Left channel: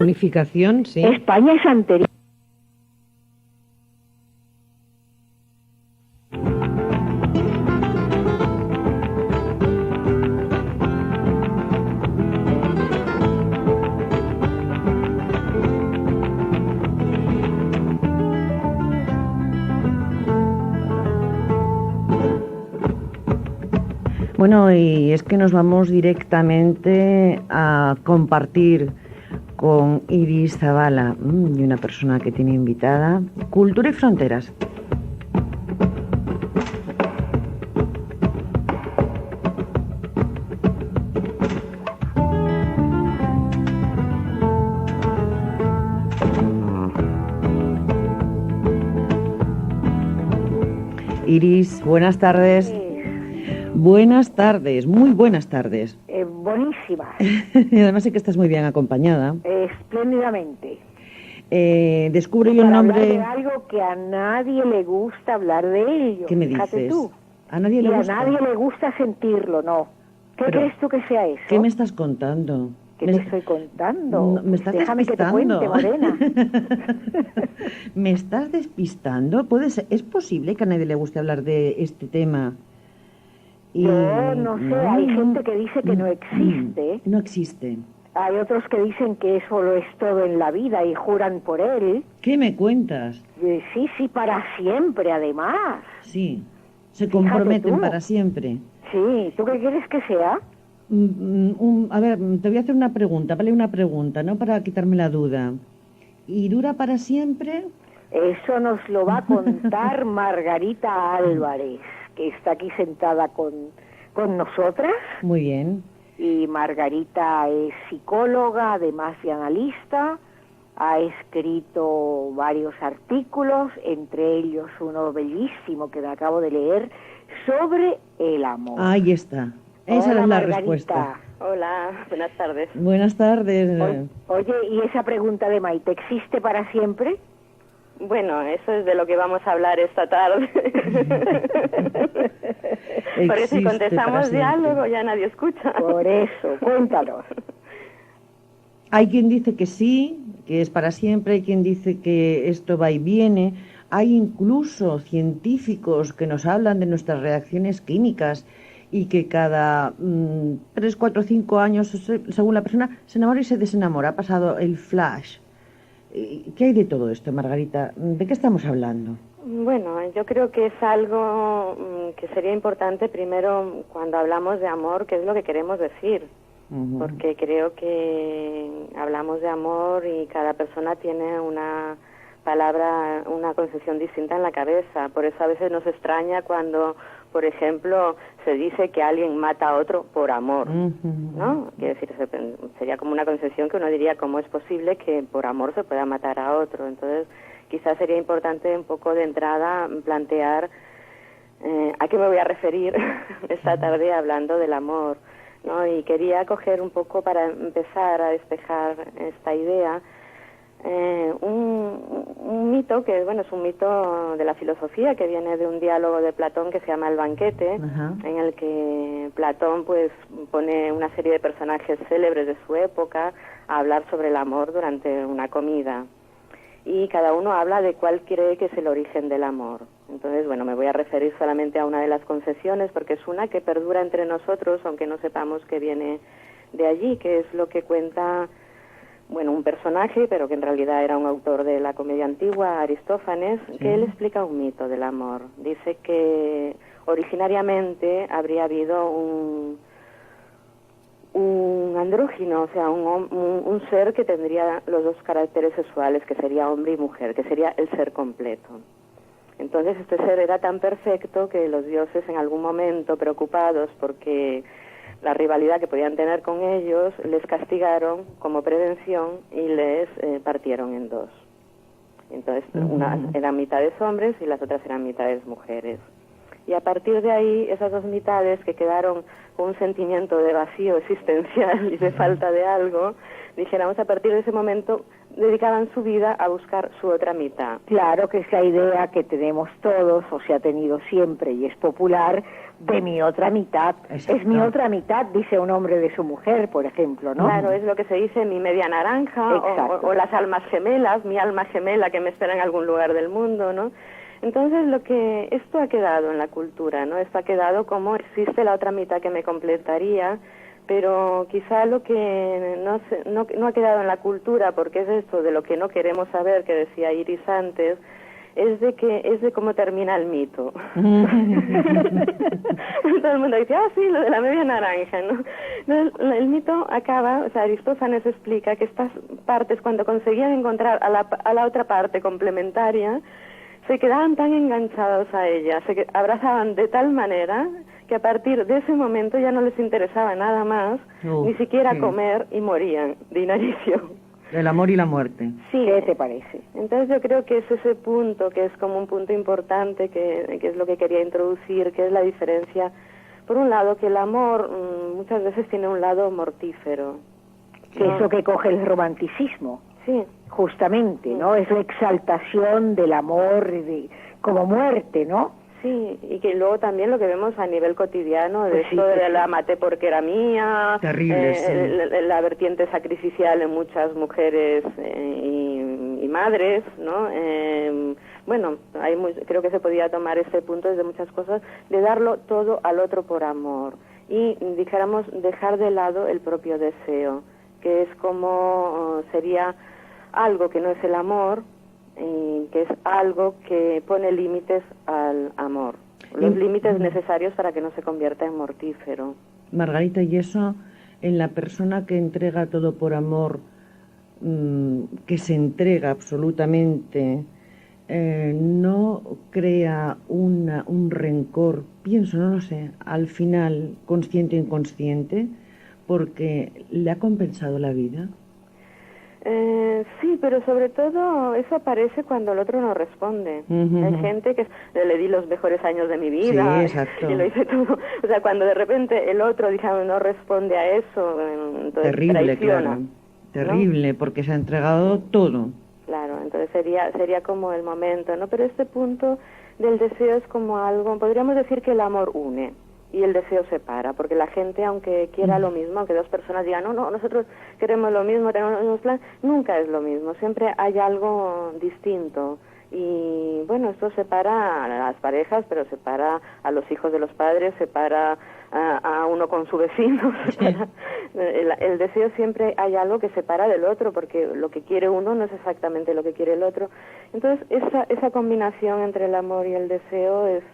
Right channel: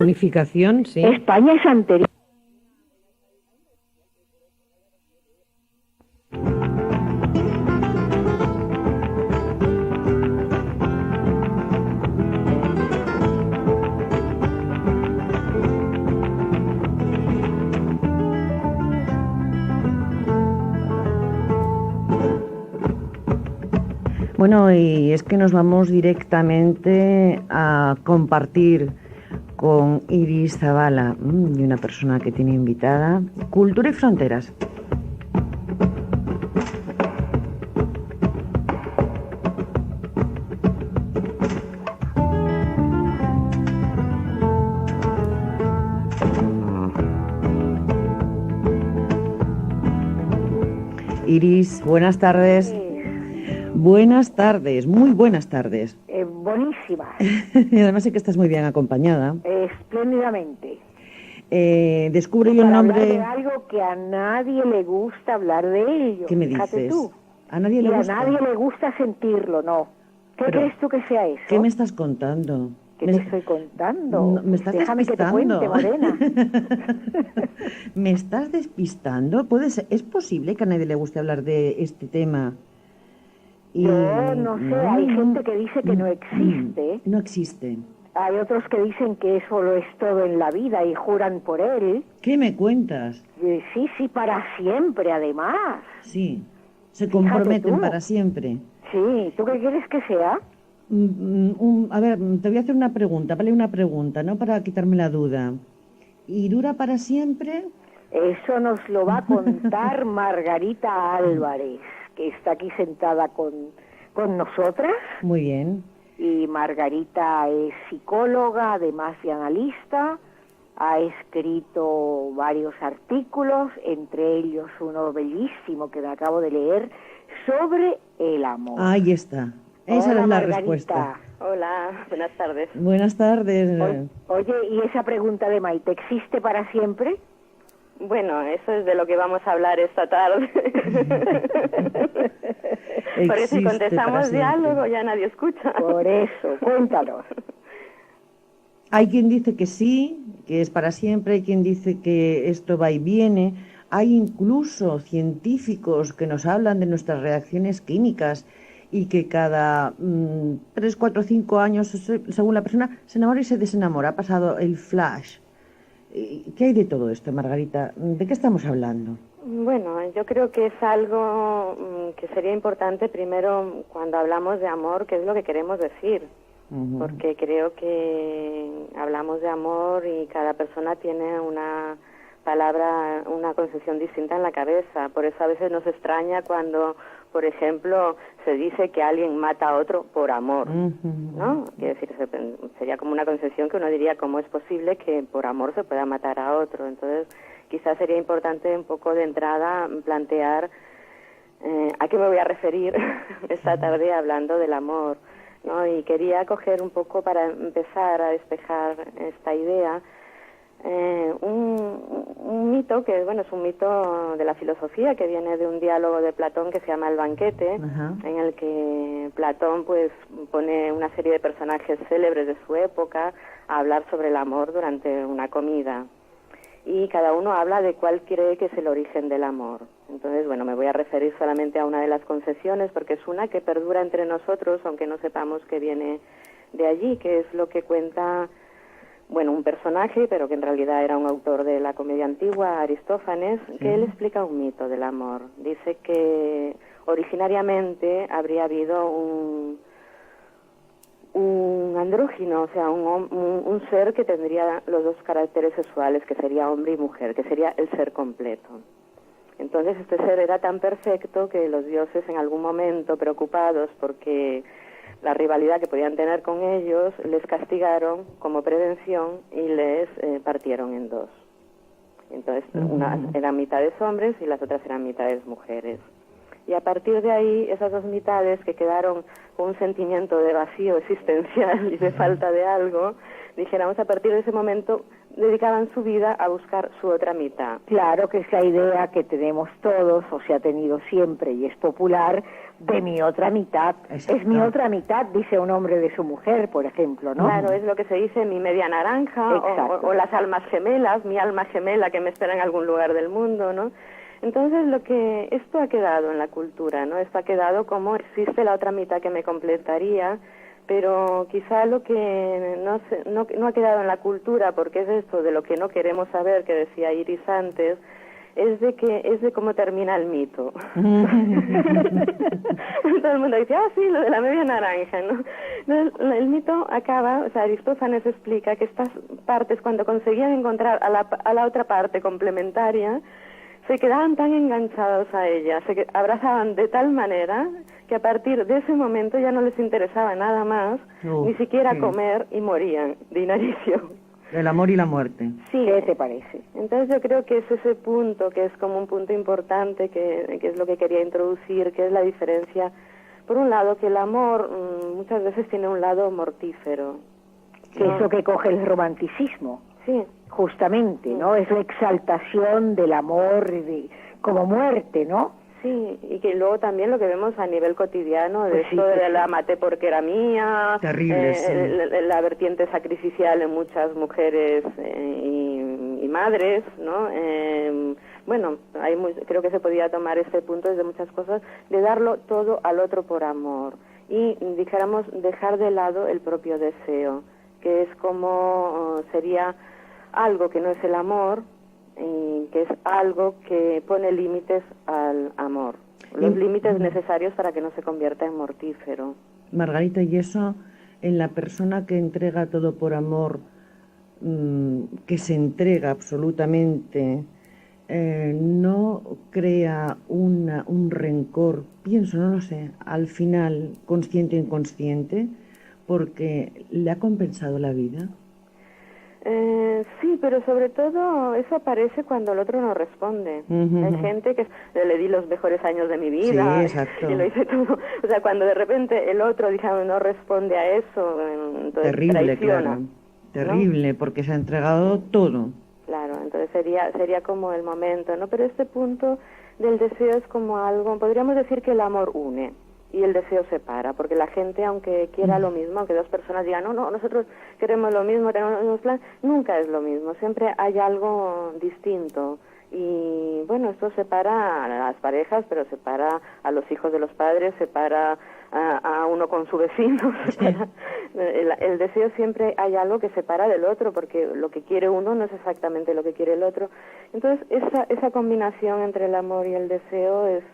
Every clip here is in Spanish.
Unificación, sí. España es anterior. Bueno, y es que nos vamos directamente a compartir con Iris Zabala y una persona que tiene invitada, Cultura y Fronteras. Iris, buenas tardes. Buenas tardes, muy buenas tardes. Buenísima. Y además sé que estás muy bien acompañada. Espléndidamente. Descubre yo el Para nombre. hablar de algo que a nadie le gusta hablar de ello. ¿Qué me Fíjate dices? tú. A nadie le Y gusta. a nadie le gusta sentirlo, ¿no? ¿Qué Pero, crees tú que sea eso? ¿qué me estás contando? ¿Qué te estoy contando? Me estás Déjame despistando. que te cuente, Morena. ¿Me estás despistando? ¿Es posible que a nadie le guste hablar de este tema? Yo no sé, hay gente que dice que no existe. No existe. Hay otros que dicen que eso lo es todo en la vida y juran por él. ¿Qué me cuentas? Sí, sí, para siempre, además. Sí, se Fíjate comprometen tú. para siempre. Sí, ¿tú qué quieres que sea? A ver, te voy a hacer una pregunta, vale, una pregunta, ¿no? Para quitarme la duda. ¿Y dura para siempre? Eso nos lo va a contar Margarita Álvarez, que está aquí sentada con nosotras. Muy bien. Y Margarita es psicóloga, además de analista, ha escrito varios artículos, entre ellos uno bellísimo que me acabo de leer, sobre el amor. Ahí está. Esa Hola, es la Margarita. respuesta. Hola, buenas tardes. Buenas tardes. Oye, ¿y esa pregunta de Maite existe para siempre? Bueno, eso es de lo que vamos a hablar esta tarde. Por eso si contestamos ya, luego ya nadie escucha. Por eso, cuéntanos. Hay quien dice que sí, que es para siempre, hay quien dice que esto va y viene. Hay incluso científicos que nos hablan de nuestras reacciones químicas y que cada 3, 4, 5 años, según la persona, se enamora y se desenamora. Ha pasado el flash. ¿Qué hay de todo esto, Margarita? ¿De qué estamos hablando? Bueno, yo creo que es algo que sería importante primero cuando hablamos de amor, qué es lo que queremos decir. Porque creo que hablamos de amor y cada persona tiene una palabra, una concepción distinta en la cabeza. Por eso a veces nos extraña cuando, por ejemplo, se dice que alguien mata a otro por amor, ¿no? Quiere decir, sería como una concepción que uno diría, ¿cómo es posible que por amor se pueda matar a otro? Entonces, quizás sería importante un poco de entrada plantear a qué me voy a referir esta tarde hablando del amor, ¿no? Y quería coger un poco, para empezar a despejar esta idea, un mito que, bueno, es un mito de la filosofía que viene de un diálogo de Platón que se llama El banquete, en el que Platón pues pone una serie de personajes célebres de su época a hablar sobre el amor durante una comida. Y cada uno habla de cuál cree que es el origen del amor. Entonces, bueno, me voy a referir solamente a una de las concesiones, porque es una que perdura entre nosotros, aunque no sepamos que viene de allí, que es lo que cuenta, bueno, un personaje, pero que en realidad era un autor de la comedia antigua, Aristófanes, que él explica un mito del amor. Dice que originariamente habría habido un andrógino, o sea, un ser que tendría los dos caracteres sexuales, que sería hombre y mujer, que sería el ser completo. Entonces este ser era tan perfecto que los dioses en algún momento, preocupados porque la rivalidad que podían tener con ellos, les castigaron como prevención y les partieron en dos. Entonces, unas eran mitades hombres y las otras eran mitades mujeres. Y a partir de ahí, esas dos mitades que quedaron con un sentimiento de vacío existencial y de falta de algo, dijéramos, a partir de ese momento dedicaban su vida a buscar su otra mitad. Claro, que es la idea que tenemos todos, o se ha tenido siempre, y es popular, de mi otra mitad. Exacto. Es mi otra mitad, dice un hombre de su mujer, por ejemplo, ¿no? Claro, es lo que se dice mi media naranja, o las almas gemelas, mi alma gemela que me espera en algún lugar del mundo, ¿no? Entonces, esto ha quedado en la cultura, ¿no? Esto ha quedado como existe la otra mitad que me completaría, pero quizá lo que no ha quedado en la cultura, porque es esto de lo que no queremos saber, que decía Iris antes, es de cómo termina el mito. Todo el mundo dice, sí, lo de la media naranja, ¿no? El mito acaba, o sea, Aristófanes explica que estas partes, cuando conseguían encontrar a la otra parte complementaria, se quedaban tan enganchados a ella, se abrazaban de tal manera que a partir de ese momento ya no les interesaba nada más, ni siquiera comer, y morían de inanición. El amor y la muerte. Sí, ¿qué te parece? Entonces yo creo que es ese punto, que es como un punto importante, que es lo que quería introducir, que es la diferencia. Por un lado, que el amor muchas veces tiene un lado mortífero. Que es lo que coge el romanticismo. Sí. Justamente, ¿no? Es la exaltación del amor como muerte, ¿no? Sí, y que luego también lo que vemos a nivel cotidiano, de Pues esto sí, de la maté porque era mía, terrible, sí. la vertiente sacrificial en muchas mujeres y madres, ¿no? Bueno, creo que se podía tomar este punto desde muchas cosas, de darlo todo al otro por amor, y dijéramos dejar de lado el propio deseo, que es como sería algo que no es el amor, y que es algo que pone límites al amor, los límites necesarios para que no se convierta en mortífero. Margarita, y eso en la persona que entrega todo por amor, que se entrega absolutamente, no crea un rencor, pienso, no lo sé, al final, consciente o inconsciente, porque le ha compensado la vida. Sí, pero sobre todo eso aparece cuando el otro no responde. Hay gente que le di los mejores años de mi vida, sí, exacto, y lo hice todo. O sea, cuando de repente el otro, digamos, no responde a eso, entonces terrible, traiciona, claro, terrible, ¿no? Porque se ha entregado todo. Claro, entonces sería como el momento, ¿no? Pero este punto del deseo es como algo, podríamos decir que el amor une y el deseo separa, porque la gente, aunque quiera lo mismo, aunque dos personas digan, no, nosotros queremos lo mismo, tenemos plan, nunca es lo mismo, siempre hay algo distinto. Y bueno, esto separa a las parejas, pero separa a los hijos de los padres, separa a uno con su vecino. El deseo, siempre hay algo que separa del otro, porque lo que quiere uno no es exactamente lo que quiere el otro. Entonces, esa combinación entre el amor y el deseo es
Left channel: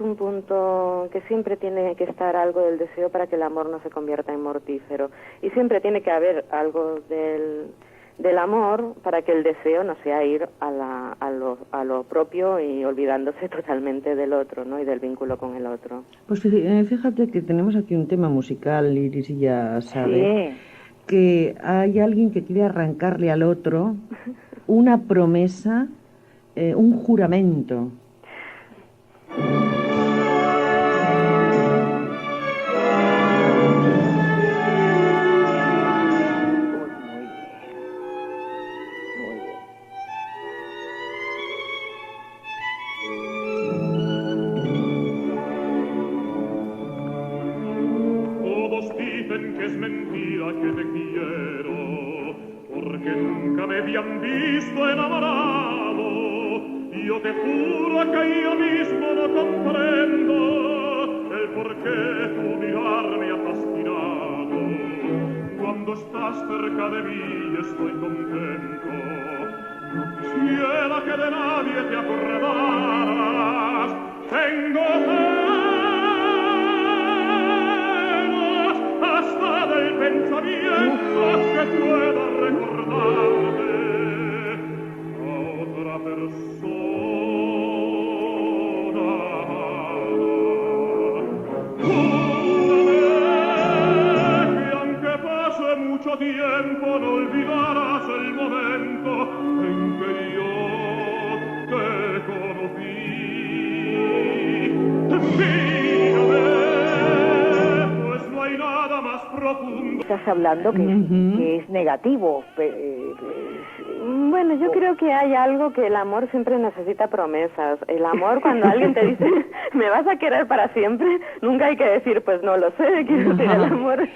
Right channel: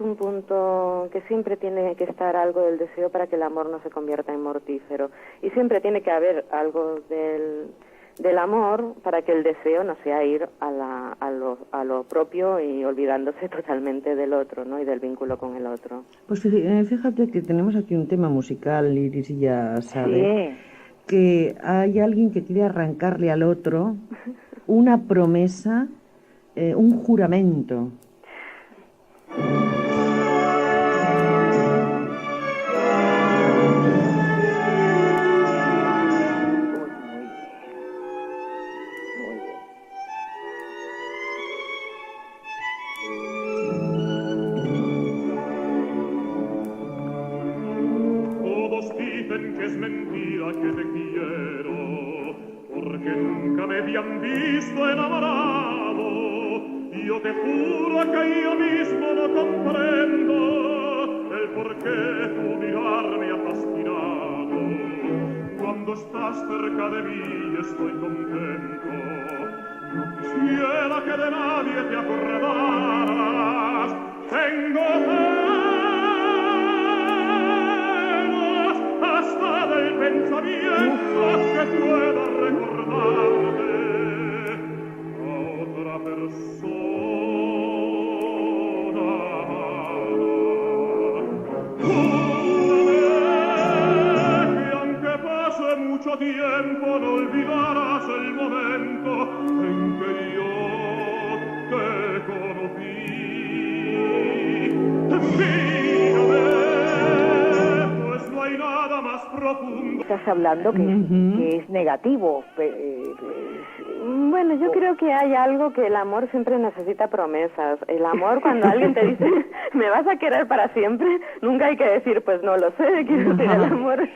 un punto que siempre tiene que estar algo del deseo para que el amor no se convierta en mortífero. Y siempre tiene que haber algo del amor para que el deseo no sea ir a lo propio y olvidándose totalmente del otro, ¿no? Y del vínculo con el otro. Pues fíjate que tenemos aquí un tema musical, Iris, y ya sabe, que hay alguien que quiere arrancarle al otro una promesa, un juramento. Mucho tiempo no olvidarás el hablando que es negativo. Bueno, yo creo que hay algo que el amor siempre necesita promesas. El amor, cuando alguien te dice, ¿me vas a querer para siempre? Nunca hay que decir, pues no lo sé, quiero decir, el amor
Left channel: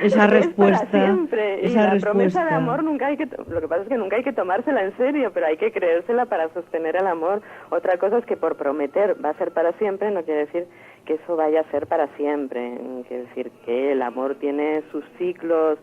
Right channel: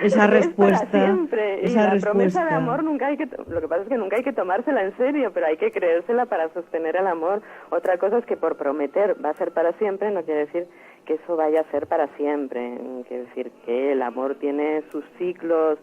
esa respuesta, para siempre. Y esa la respuesta. promesa de amor nunca hay que, lo que pasa es que nunca hay que tomársela en serio, pero hay que creérsela para sostener el amor. Otra cosa es que por prometer va a ser para siempre, no quiere decir que eso vaya a ser para siempre. Quiere decir que el amor tiene sus ciclos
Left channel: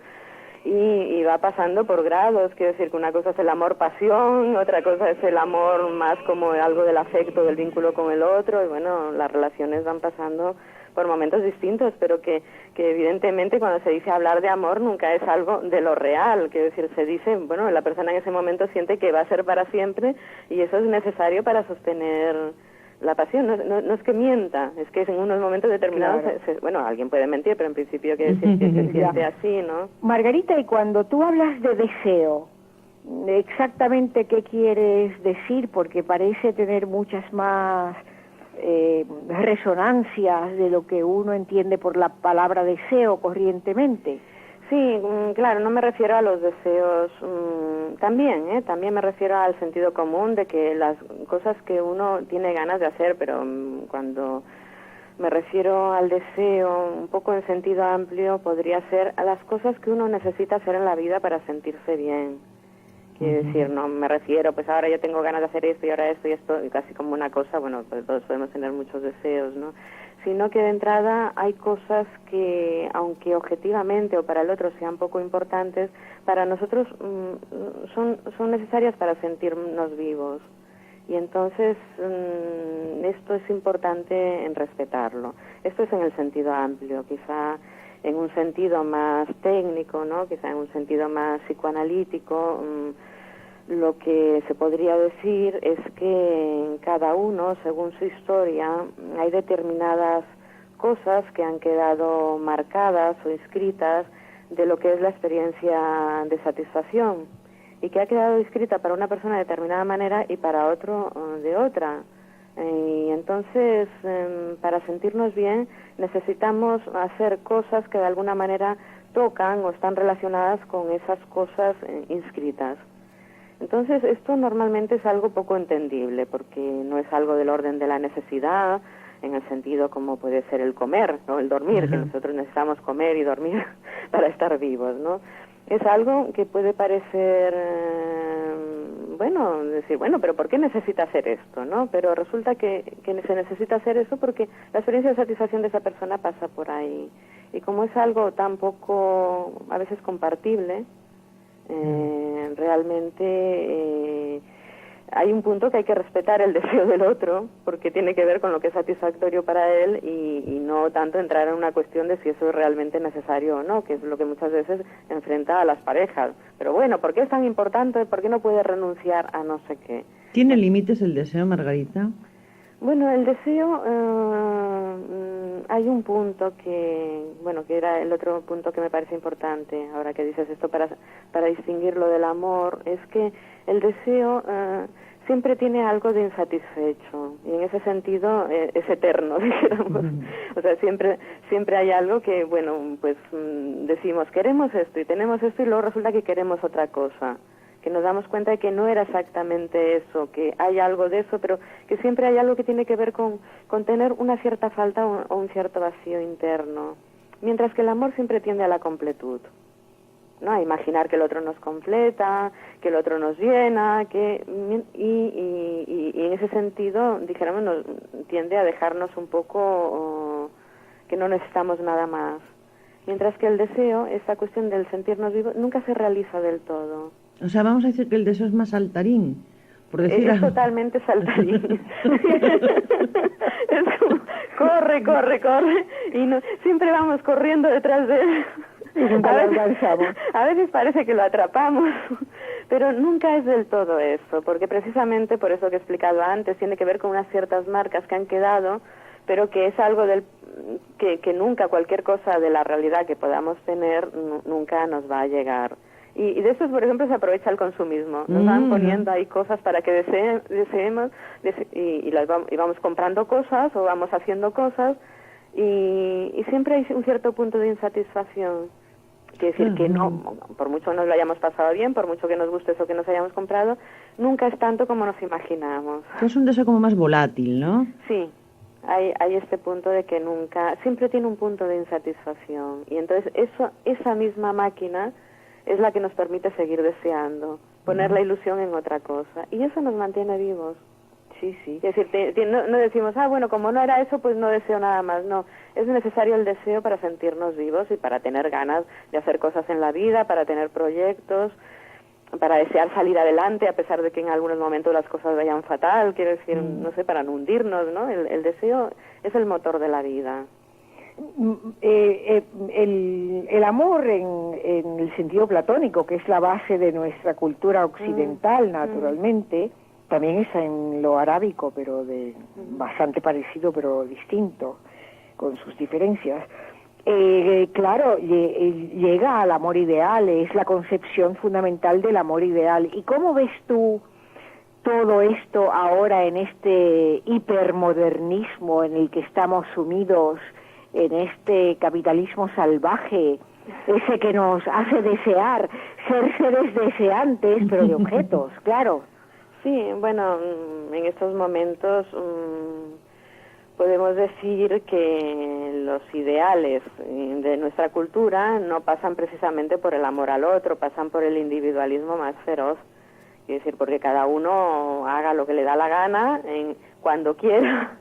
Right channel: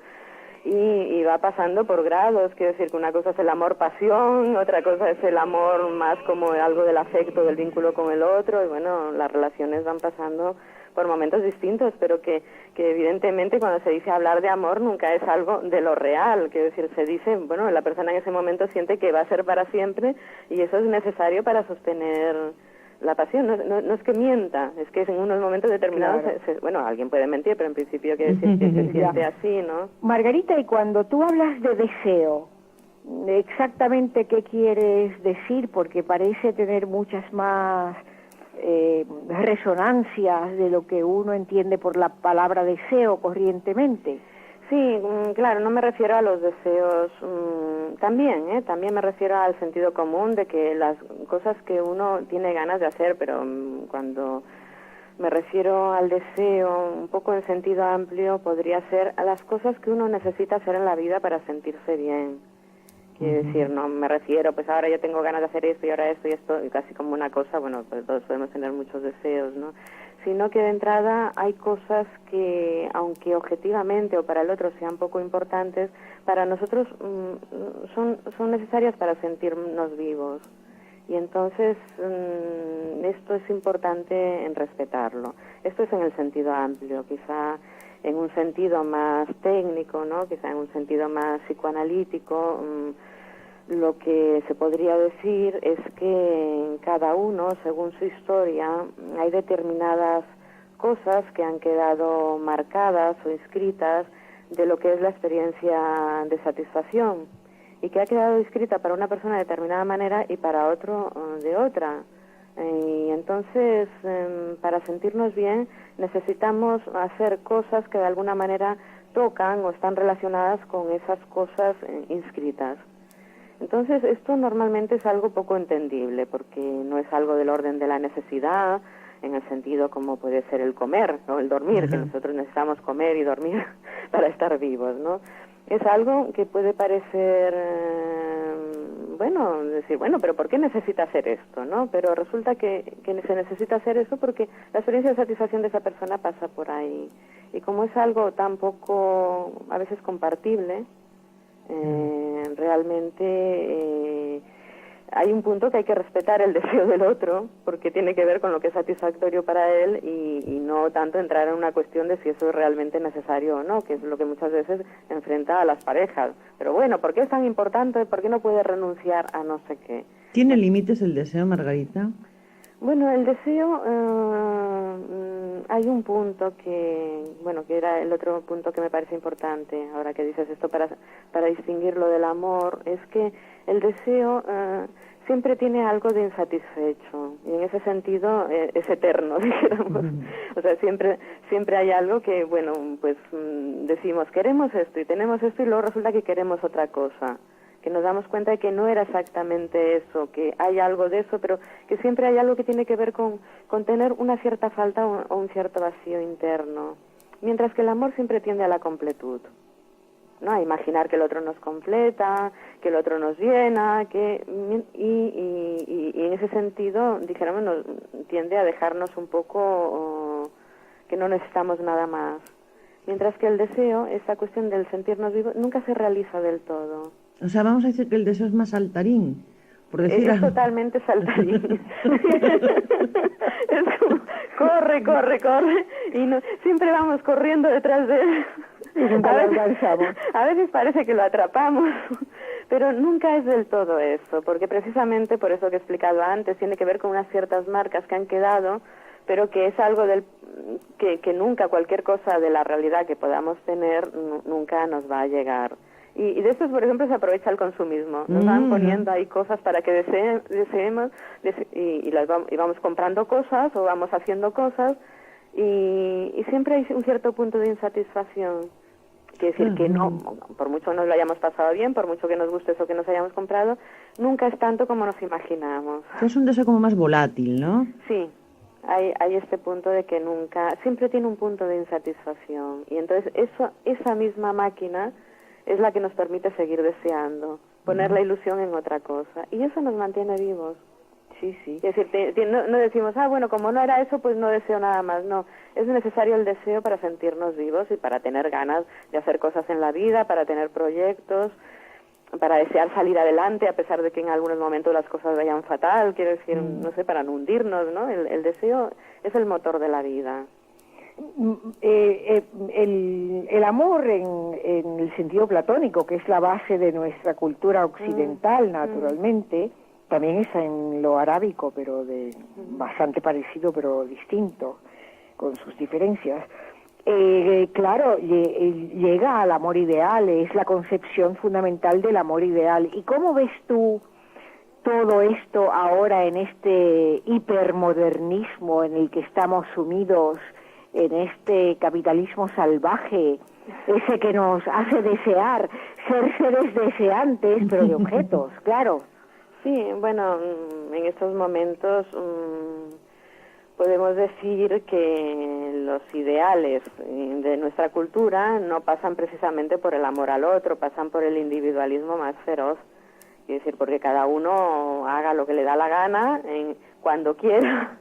y va pasando por grados. Quiere decir que una cosa es el amor pasión, otra cosa es el amor más como algo del afecto, del vínculo con el otro, y bueno, las relaciones van pasando por momentos distintos, pero que evidentemente cuando se dice hablar de amor nunca es algo de lo real. Quiere decir, se dice, bueno, la persona en ese momento siente que va a ser para siempre y eso es necesario para sostener la pasión. No es que mienta, es que en unos momentos determinados, claro. bueno, alguien puede mentir, pero en principio quiere decir que se siente así, ¿no? Margarita, y cuando tú hablas de deseo, exactamente qué quieres decir, porque parece tener muchas más resonancias de lo que uno entiende por la palabra deseo corrientemente. Sí, claro, no me refiero a los deseos, también me refiero al sentido común de que las cosas que uno tiene ganas de hacer, pero cuando me refiero al deseo, un poco en sentido amplio, podría ser a las cosas que uno necesita hacer en la vida para sentirse bien. Quiere decir, no me refiero, pues ahora yo tengo ganas de hacer esto y ahora esto y esto, y casi como una cosa, bueno, pues todos podemos tener muchos deseos, ¿no? Sino que de entrada hay cosas que, aunque objetivamente o para el otro sean poco importantes, para nosotros son necesarias para sentirnos vivos. Y entonces esto es importante en respetarlo. Esto es en el sentido amplio, quizá en un sentido más técnico, ¿no? Quizá en un sentido más psicoanalítico, lo que se podría decir es que en cada uno, según su historia, hay determinadas cosas que han quedado marcadas o inscritas de lo que es la experiencia de satisfacción, y que ha quedado escrita para una persona de determinada manera y para otro de otra. Y entonces, para sentirnos bien, necesitamos hacer cosas que de alguna manera tocan o están relacionadas con esas cosas inscritas. Entonces, esto normalmente es algo poco entendible, porque no es algo del orden de la necesidad, en el sentido como puede ser el comer, ¿no? El dormir, que nosotros necesitamos comer y dormir para estar vivos, ¿no? Es algo que puede parecer, decir, pero ¿por qué necesita hacer esto, no? Pero resulta que se necesita hacer eso porque la experiencia de satisfacción de esa persona pasa por ahí. Y como es algo tan poco, a veces compartible, realmente hay un punto que hay que respetar el deseo del otro, porque tiene que ver con lo que es satisfactorio para él y no tanto entrar en una cuestión de si eso es realmente necesario o no, que es lo que muchas veces enfrenta a las parejas. Pero bueno, ¿por qué es tan importante? ¿Por qué no puede renunciar a no sé qué? ¿Tiene límites el deseo, Margarita? Bueno, el deseo, hay un punto que era el otro punto que me parece importante, ahora que dices esto, para distinguirlo del amor, es que el deseo siempre tiene algo de insatisfecho, y en ese sentido es eterno, digamos. O sea, siempre hay algo que, decimos, queremos esto, y tenemos esto, y luego resulta que queremos otra cosa, que nos damos cuenta de que no era exactamente eso, que hay algo de eso, pero que siempre hay algo que tiene que ver con tener una cierta falta o un cierto vacío interno, mientras que el amor siempre tiende a la completud, ¿no? A imaginar que el otro nos completa, que el otro nos llena, y en ese sentido, dijéramos, tiende a dejarnos un poco que no necesitamos nada más, mientras que el deseo, esta cuestión del sentirnos vivos, nunca se realiza del todo. O sea, vamos a decir que el deseo es más saltarín, por decir es totalmente saltarín. Es como, corre, y siempre vamos corriendo detrás de él. A veces parece que lo atrapamos, pero nunca es del todo eso, porque precisamente por eso que he explicado antes, tiene que ver con unas ciertas marcas que han quedado, pero que es algo que nunca, cualquier cosa de la realidad que podamos tener, nunca nos va a llegar. Y de eso, por ejemplo, se aprovecha el consumismo. Nos van poniendo ahí cosas para que deseemos y vamos comprando cosas o vamos haciendo cosas y siempre hay un cierto punto de insatisfacción. Quiere decir que no, por mucho nos lo hayamos pasado bien, por mucho que nos guste eso que nos hayamos comprado, nunca es tanto como nos imaginamos. Es un deseo como más volátil, ¿no? Sí, hay este punto de que nunca, siempre tiene un punto de insatisfacción. Y entonces esa misma máquina es la que nos permite seguir deseando, poner la ilusión en otra cosa. Y eso nos mantiene vivos. Sí, sí. Es decir, no decimos, bueno, como no era eso, pues no deseo nada más. No, es necesario el deseo para sentirnos vivos y para tener ganas de hacer cosas en la vida, para tener proyectos, para desear salir adelante a pesar de que en algunos momentos las cosas vayan fatal. Quiero decir, no sé, para no hundirnos, ¿no? El deseo es el motor de la vida. El amor en el sentido platónico, que es la base de nuestra cultura occidental, naturalmente, también es en lo arábico, pero bastante parecido, pero distinto, con sus diferencias. Claro, llega al amor ideal, es la concepción fundamental del amor ideal. ¿Y cómo ves tú todo esto ahora en este hipermodernismo en el que estamos sumidos, en este capitalismo salvaje, ese que nos hace desear, ser seres deseantes, pero de objetos, claro? Sí, bueno, en estos momentos podemos decir que los ideales de nuestra cultura no pasan precisamente por el amor al otro, pasan por el individualismo más feroz. Es decir, porque cada uno haga lo que le da la gana, cuando quiera,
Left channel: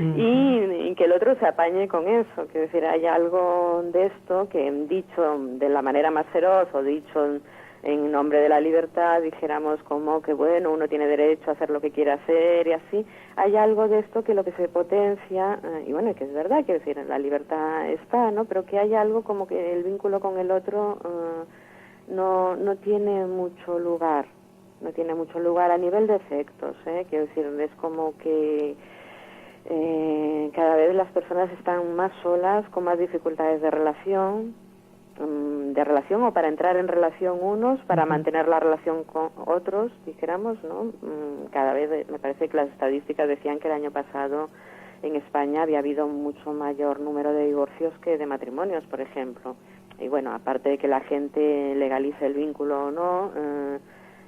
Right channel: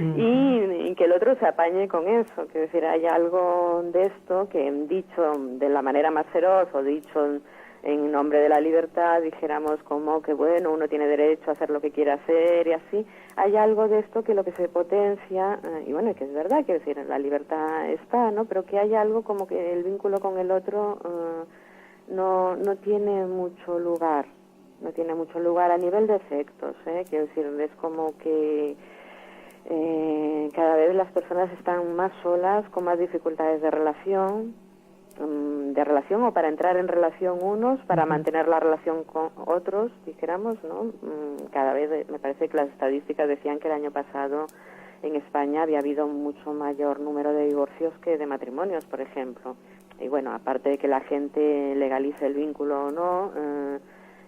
y que el otro se apañe con eso. Quiero decir, hay algo de esto que, dicho de la manera más feroz o dicho en nombre de la libertad, dijéramos como que bueno, uno tiene derecho a hacer lo que quiera hacer y así, hay algo de esto que lo que se potencia, y bueno, que es verdad, quiero decir, la libertad está, ¿no? Pero que hay algo como que el vínculo con el otro no tiene mucho lugar, a nivel de efectos, quiero decir, es como que cada vez las personas están más solas, con más dificultades de relación o para entrar en relación unos, para mantener la relación con otros, dijéramos, ¿no? Cada vez, me parece que las estadísticas decían que el año pasado en España había habido mucho mayor número de divorcios que de matrimonios, por ejemplo. Y bueno, aparte de que la gente legalice el vínculo o no,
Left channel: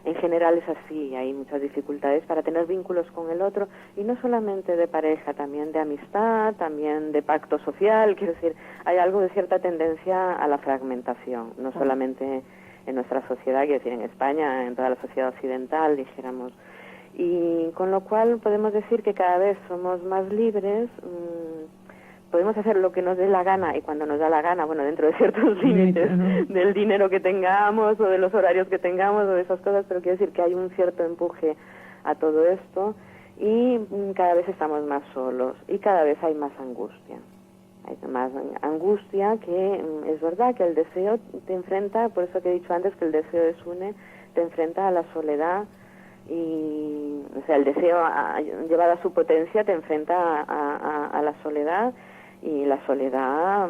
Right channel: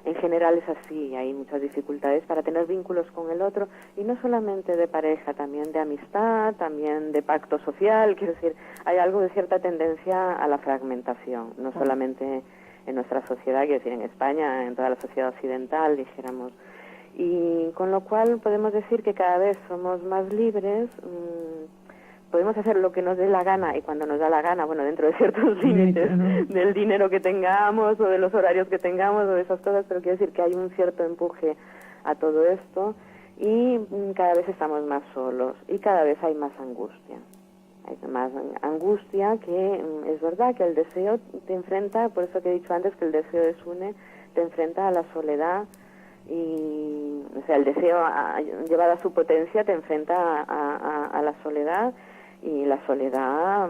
en general es así, hay muchas dificultades para tener vínculos con el otro, y no solamente de pareja, también de amistad, también de pacto social. Quiero decir, hay algo de cierta tendencia a la fragmentación, no solamente en nuestra sociedad, quiero decir, en España, en toda la sociedad occidental, dijéramos. Y con lo cual podemos decir que cada vez somos más libres, podemos hacer lo que nos dé la gana, y cuando nos da la gana, bueno, dentro de ciertos límites del dinero que tengamos o de los horarios que tengamos o de esas cosas, pero quiero decir que hay un cierto empuje a todo esto, y cada vez estamos más solos y cada vez hay más angustia. Hay más angustia, que es verdad que el deseo te enfrenta, por eso que he dicho antes que el deseo desune, te enfrenta a la soledad. Y, o sea, el deseo llevado a su potencia te enfrenta a la soledad, y la soledad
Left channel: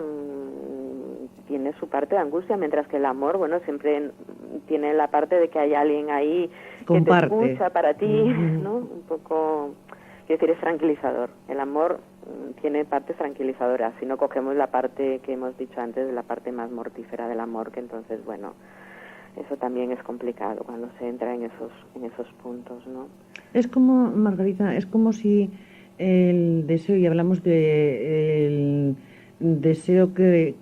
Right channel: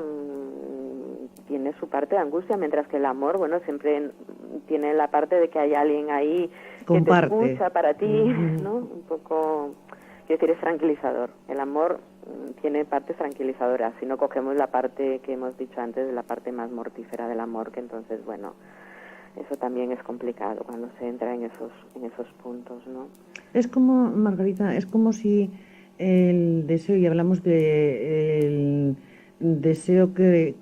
tiene su parte de angustia, mientras que el amor, bueno, siempre tiene la parte de que hay alguien ahí que te escucha para ti, ¿no? Un poco, quiero decir, es tranquilizador. El amor tiene partes tranquilizadoras, si no cogemos la parte que hemos dicho antes, de la parte más mortífera del amor, que entonces, bueno, eso también es complicado cuando se entra en esos puntos, ¿no? Es como, Margarita, es como si el deseo, y hablamos de el deseo que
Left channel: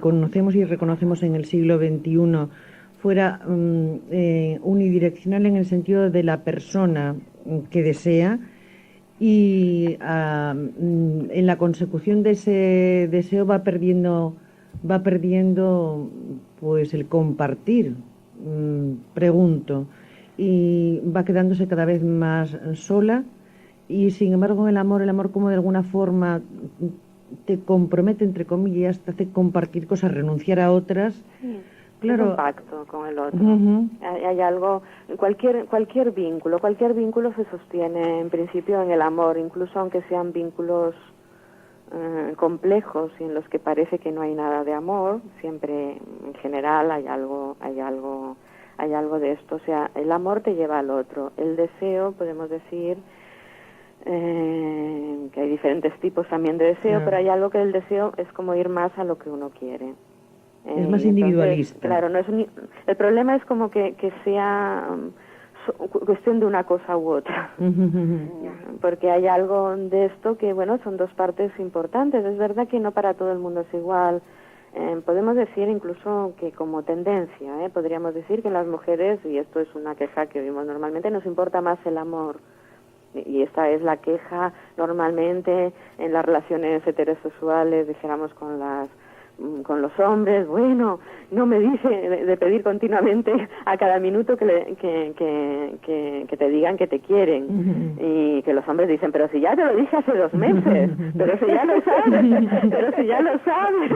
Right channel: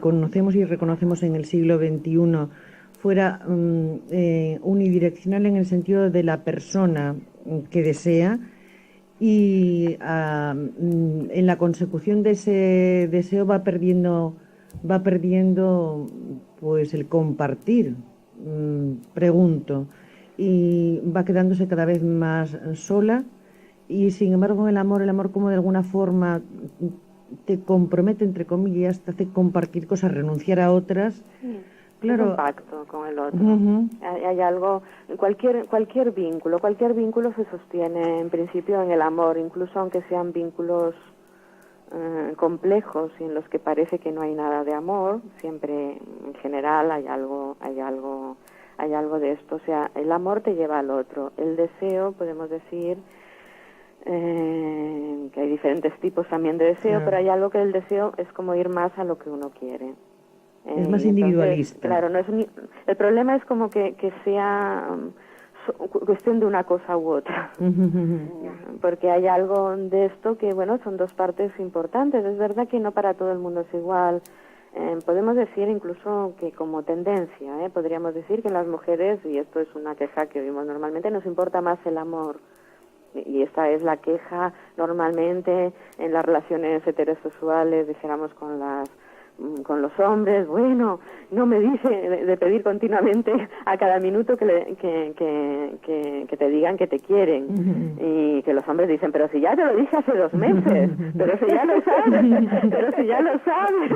conocemos y reconocemos en el siglo XXI, fuera unidireccional en el sentido de la persona que desea, y en la consecución de ese deseo va perdiendo pues el compartir, pregunto, y va quedándose cada vez más sola. Y sin embargo en el amor como de alguna forma te compromete, entre comillas, te hace compartir cosas, renunciar a otras. Claro. Es un pacto con el otro. Hay algo, cualquier vínculo se sostiene en principio en el amor, incluso aunque sean vínculos complejos y en los que parece que no hay nada de amor, siempre en general hay algo de esto. O sea, el amor te lleva al otro. El deseo, podemos decir que hay diferentes tipos también de deseo, pero hay algo que el deseo es como ir más a lo que uno quiere. Es más individualista. Claro, no es el problema es como que sea cuestión de una cosa u otra. Porque hay algo de esto que, bueno, son dos partes importantes. Es verdad que no para todo el mundo es igual. Podemos decir incluso que como tendencia, podríamos decir que en las mujeres, y esto es una queja que oímos normalmente, nos importa más el amor. Y esta es la queja normalmente en las relaciones heterosexuales, dijéramos con los hombres. Bueno, no me dice de pedir continuamente a cada minuto que te digan que te quieren. Y que los hombres dicen, pero si ya te lo dije hace 2 meses, pero si ya lo sabes,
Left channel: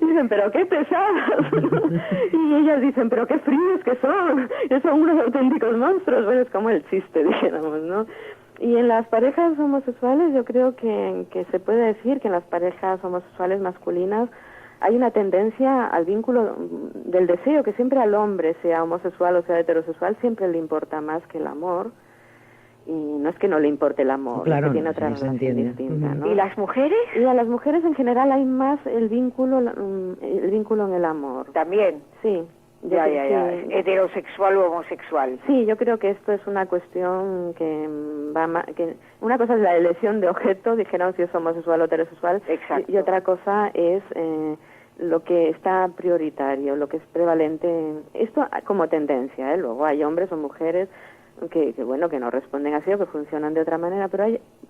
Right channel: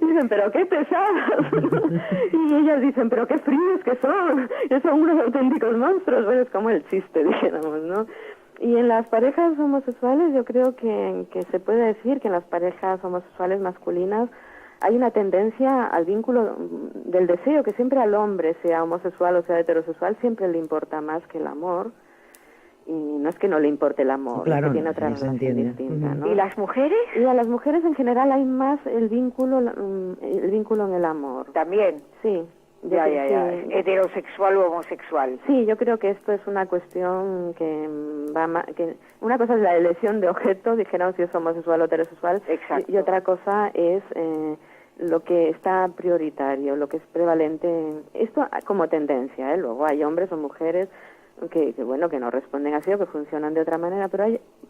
dicen, pero qué pesadas. Y ellas dicen, pero qué fríos que son unos auténticos monstruos. Bueno, es como el chiste, dijéramos, ¿no? Y en las parejas homosexuales yo creo que se puede decir que en las parejas homosexuales masculinas hay una tendencia al vínculo del deseo, que siempre al hombre, sea homosexual o sea heterosexual, siempre le importa más que el amor. Y no es que no le importe el amor, claro, es que tiene otra relación distinta, ¿no? ¿Y las mujeres? Y a las mujeres en general hay más el vínculo en el amor. También. Sí. Ya. Sí. Heterosexual o homosexual. Sí, yo creo que esto es una cuestión que una cosa es la elección de objeto, dijéramos si es homosexual o heterosexual. Exacto. Y otra cosa es lo que está prioritario, lo que es prevalente. Esto como tendencia, luego hay hombres o mujeres que bueno, que no responden así o que funcionan de otra manera, pero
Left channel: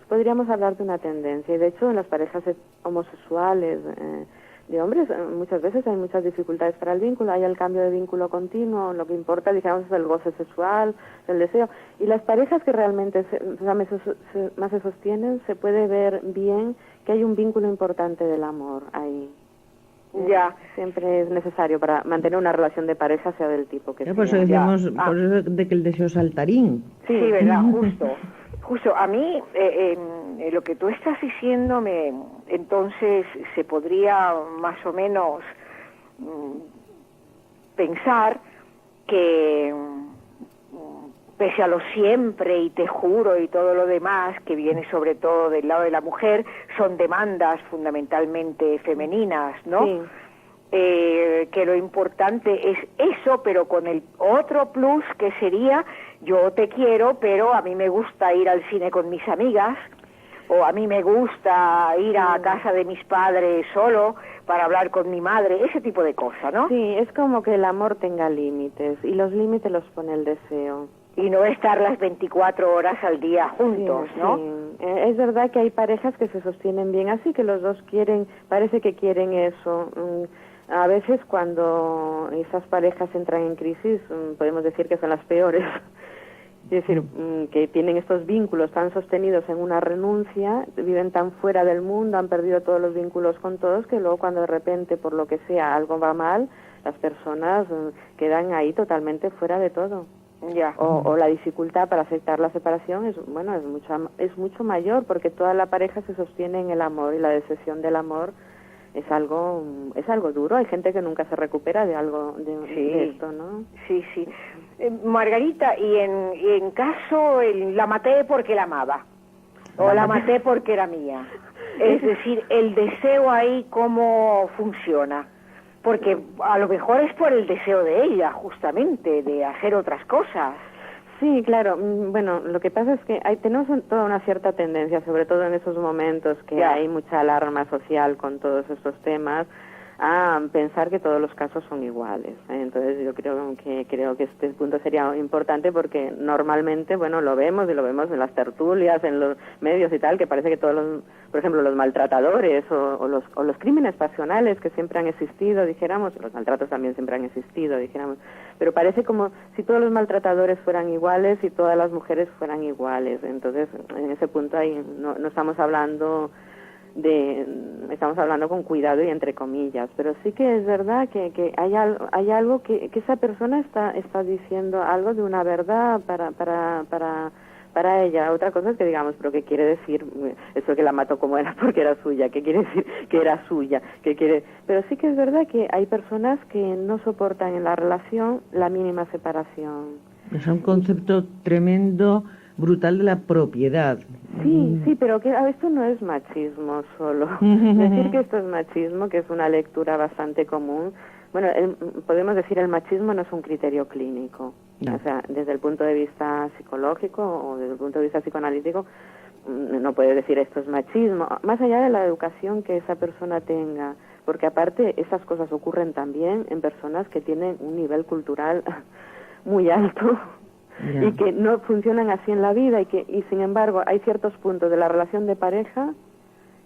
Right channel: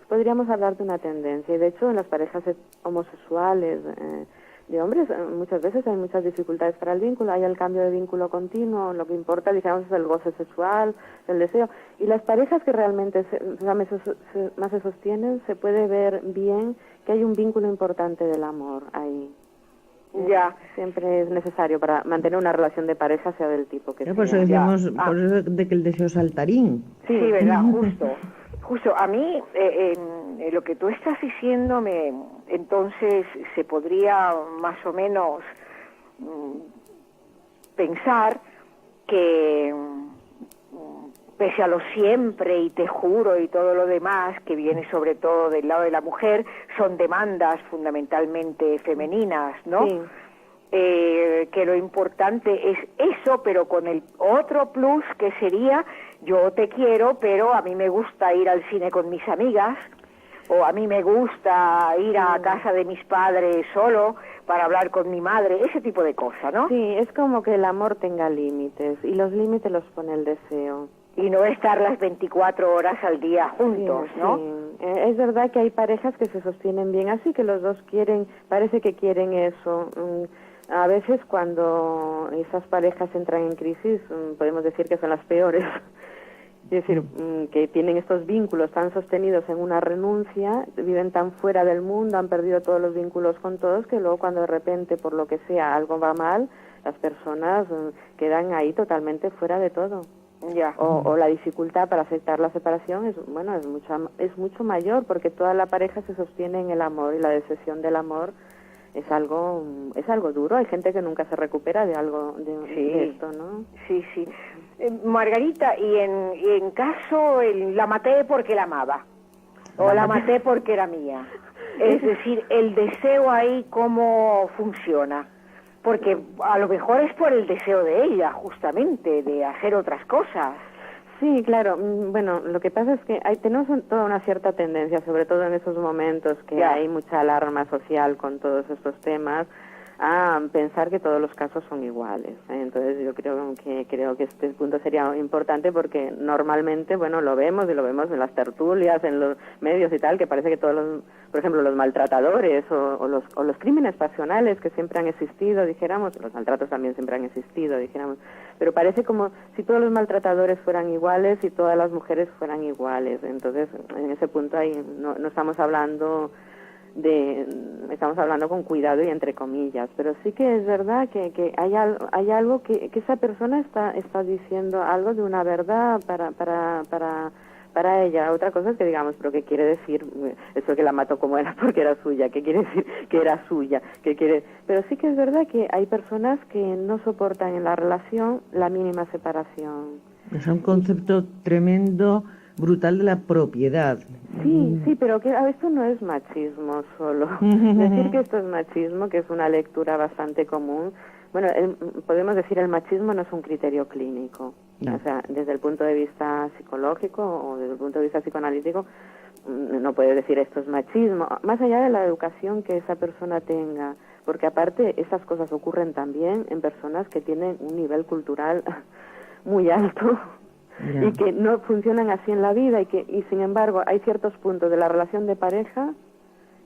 podríamos hablar de una tendencia. Y de hecho en las parejas homosexuales de hombres muchas veces hay muchas dificultades para el vínculo, hay el cambio de vínculo continuo, lo que importa, digamos, es el goce sexual, el deseo. Y las parejas que realmente más se sostienen, se puede ver bien que hay un vínculo importante del amor ahí. Ya. Siempre es necesario para mantener una relación de pareja, sea del tipo que sea. Por eso decimos, por eso de que el deseo saltarín. Sí, verdad, justo. A mí, lo que tú estás diciendo, entonces se podría más o menos pensar que pese a lo siempre y te juro y todo lo demás, que viene sobre todo del lado de la mujer, son demandas fundamentalmente femeninas, ¿no? Sí. Que lo importante es eso, pero con el otro plus que sería, yo te quiero, pero a mí me gusta ir al cine con mis amigas, o a mí me gusta ir a casa de mis padres solo para hablar con mi madre, ese tipo de cosas, ¿no? Sí, es como que el amor tenga límites, y los límites los pone el deseo. Y no estar las 24 horas al día juntos, sí, ¿no? Sí. Es verdad que hay parejas que se sostienen bien así, que los dos parece que quieren eso. A veces cuando esas parejas entran en crisis, podemos decir que son las peores. Es decir, que tienen estos vínculos tan sostenidos en una renuncia, viven tan fuera del mundo, han perdido todos los vínculos con todos, que luego cuando de repente, por lo que sea, algo va mal, las personas quedan ahí totalmente fuera de todo. Ya. O la dificultad para aceptar la separación es mucho mayor, porque toda la pareja se sostiene en el amor, y la decepción del amor es algo duro. Hay gente que nunca se recupera de algo de esto, ¿no? Sí. Margarita, y en caso la maté porque la amaba, o la maté porque era mía, es decir, el deseo ahí, ¿cómo funciona? Porque a lo mejor es por el deseo de ella, justamente, de hacer otras cosas. Sí, claro. Bueno, lo que pasa es que tenemos toda una cierta tendencia, sobre todo en esos momentos que hay mucha alarma social con todos estos temas, a pensar que todos los casos son iguales. Entonces yo creo que este punto sería importante, porque normalmente, bueno, lo vemos en las tertulias, en los medios y tal, que parece que todos por ejemplo, los maltratadores o los crímenes pasionales que siempre han existido, dijéramos, los maltratos también siempre han existido, dijéramos, pero parece como si todos los maltratadores fueran iguales y todas las mujeres fueran iguales. Entonces, en ese punto ahí no estamos hablando con cuidado y entre comillas, pero sí que es verdad que hay algo que esa persona está diciendo algo de una verdad para ella. Otra cosa es que digamos, pero ¿qué quiere decir eso que la mató como era porque era suya? ¿Qué quiere decir que era suya? Pero sí que es verdad que hay personas que no soportan en la relación la mínima separación. Es un concepto tremendo brutal de la propiedad. Sí, pero que esto no es machismo solo. Decir que esto es machismo, que es una lectura bastante común, bueno, podemos decir el machismo no es un criterio clínico. No. O sea, desde el punto de vista psicológico o desde el punto de vista psicoanalítico, no puede decir esto es machismo, más allá de la educación que esa persona tenga, porque aparte esas cosas ocurren también en personas que tienen un nivel cultural muy alto y que no funcionan así en la vida y sin embargo hay ciertos puntos de la relación de pareja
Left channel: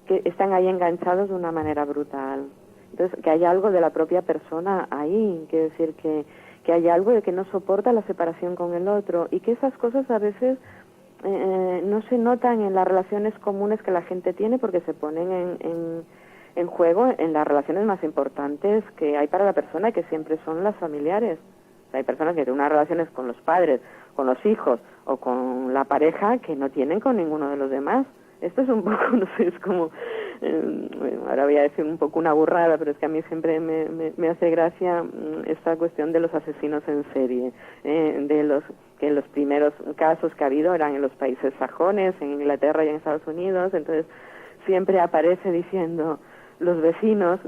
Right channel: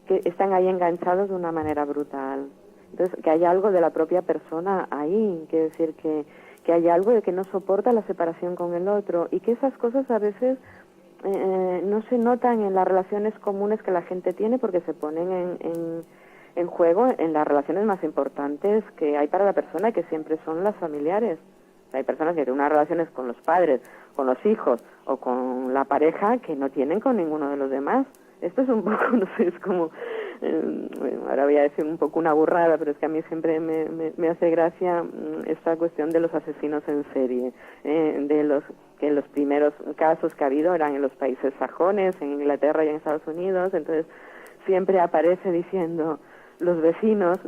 que están ahí enganchados de una manera brutal. Entonces, que hay algo de la propia persona ahí, quiere decir que hay algo de que no soporta la separación con el otro y que esas cosas a veces no se notan en las relaciones comunes que la gente tiene porque se ponen en juego en las relaciones más importantes que hay para la persona, que siempre son las familiares. O sea, hay personas que tienen unas relaciones con los padres, con los hijos o con la pareja que no tienen con ninguno de los demás. Esto es un poco, no sé, es como, ahora voy a decir un poco una burrada, pero es que a mí siempre me hace gracia esta cuestión de los asesinos en serie, que los primeros casos que ha habido eran en los países sajones, en Inglaterra y en Estados Unidos, entonces siempre aparece diciendo los vecinos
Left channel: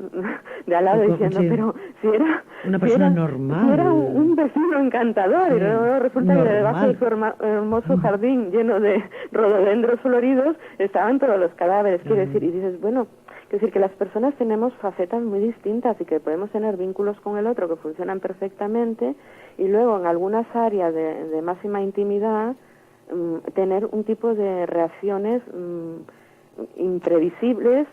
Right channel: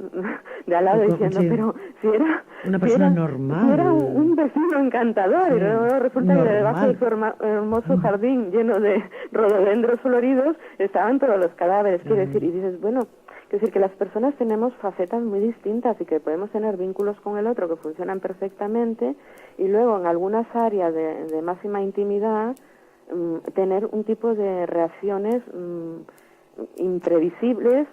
de al lado diciendo, sí, pero si era una persona normal, si era un vecino encantador, sí, y luego resulta normal, que debajo de su hermoso jardín lleno de rododendros floridos estaban todos los cadáveres, quiere decir, y dices, bueno, quiere decir que las personas tenemos facetas muy distintas y que podemos tener vínculos con el otro que funcionan perfectamente y luego en algunas áreas de máxima intimidad tener un tipo de reacciones imprevisibles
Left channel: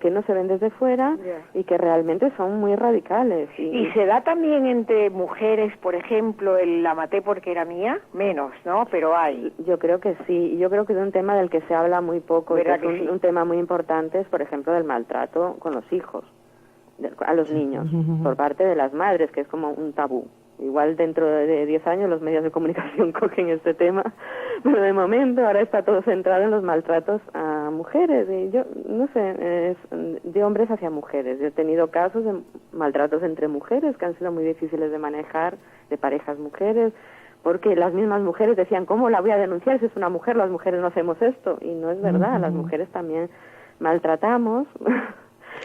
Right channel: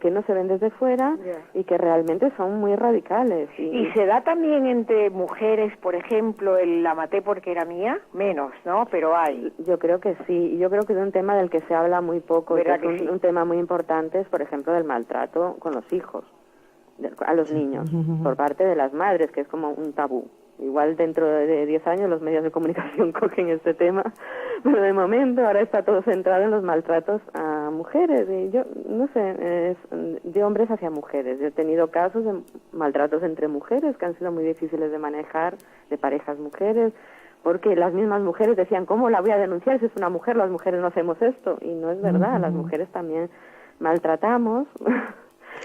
que no se ven desde fuera y que realmente son muy radicales. Y se da también entre mujeres, por ejemplo, la maté porque era mía, menos, ¿no? Pero hay. Yo creo que sí, yo creo que es un tema del que se habla muy poco, que es un tema muy importante, es por ejemplo del maltrato con los hijos, a los niños, por parte de las madres, que es como un tabú. Igual dentro de 10 años los medios de comunicación cogen este tema, pero de momento ahora está todo centrado en los maltratos a mujeres. Y yo, no sé, de hombres hacia mujeres. Yo he tenido casos de maltratos entre mujeres que han sido muy difíciles de manejar, de parejas mujeres, porque las mismas mujeres decían, ¿cómo la voy a denunciar si es una mujer? Las mujeres no hacemos esto. Y no es verdad, las mujeres también maltratamos.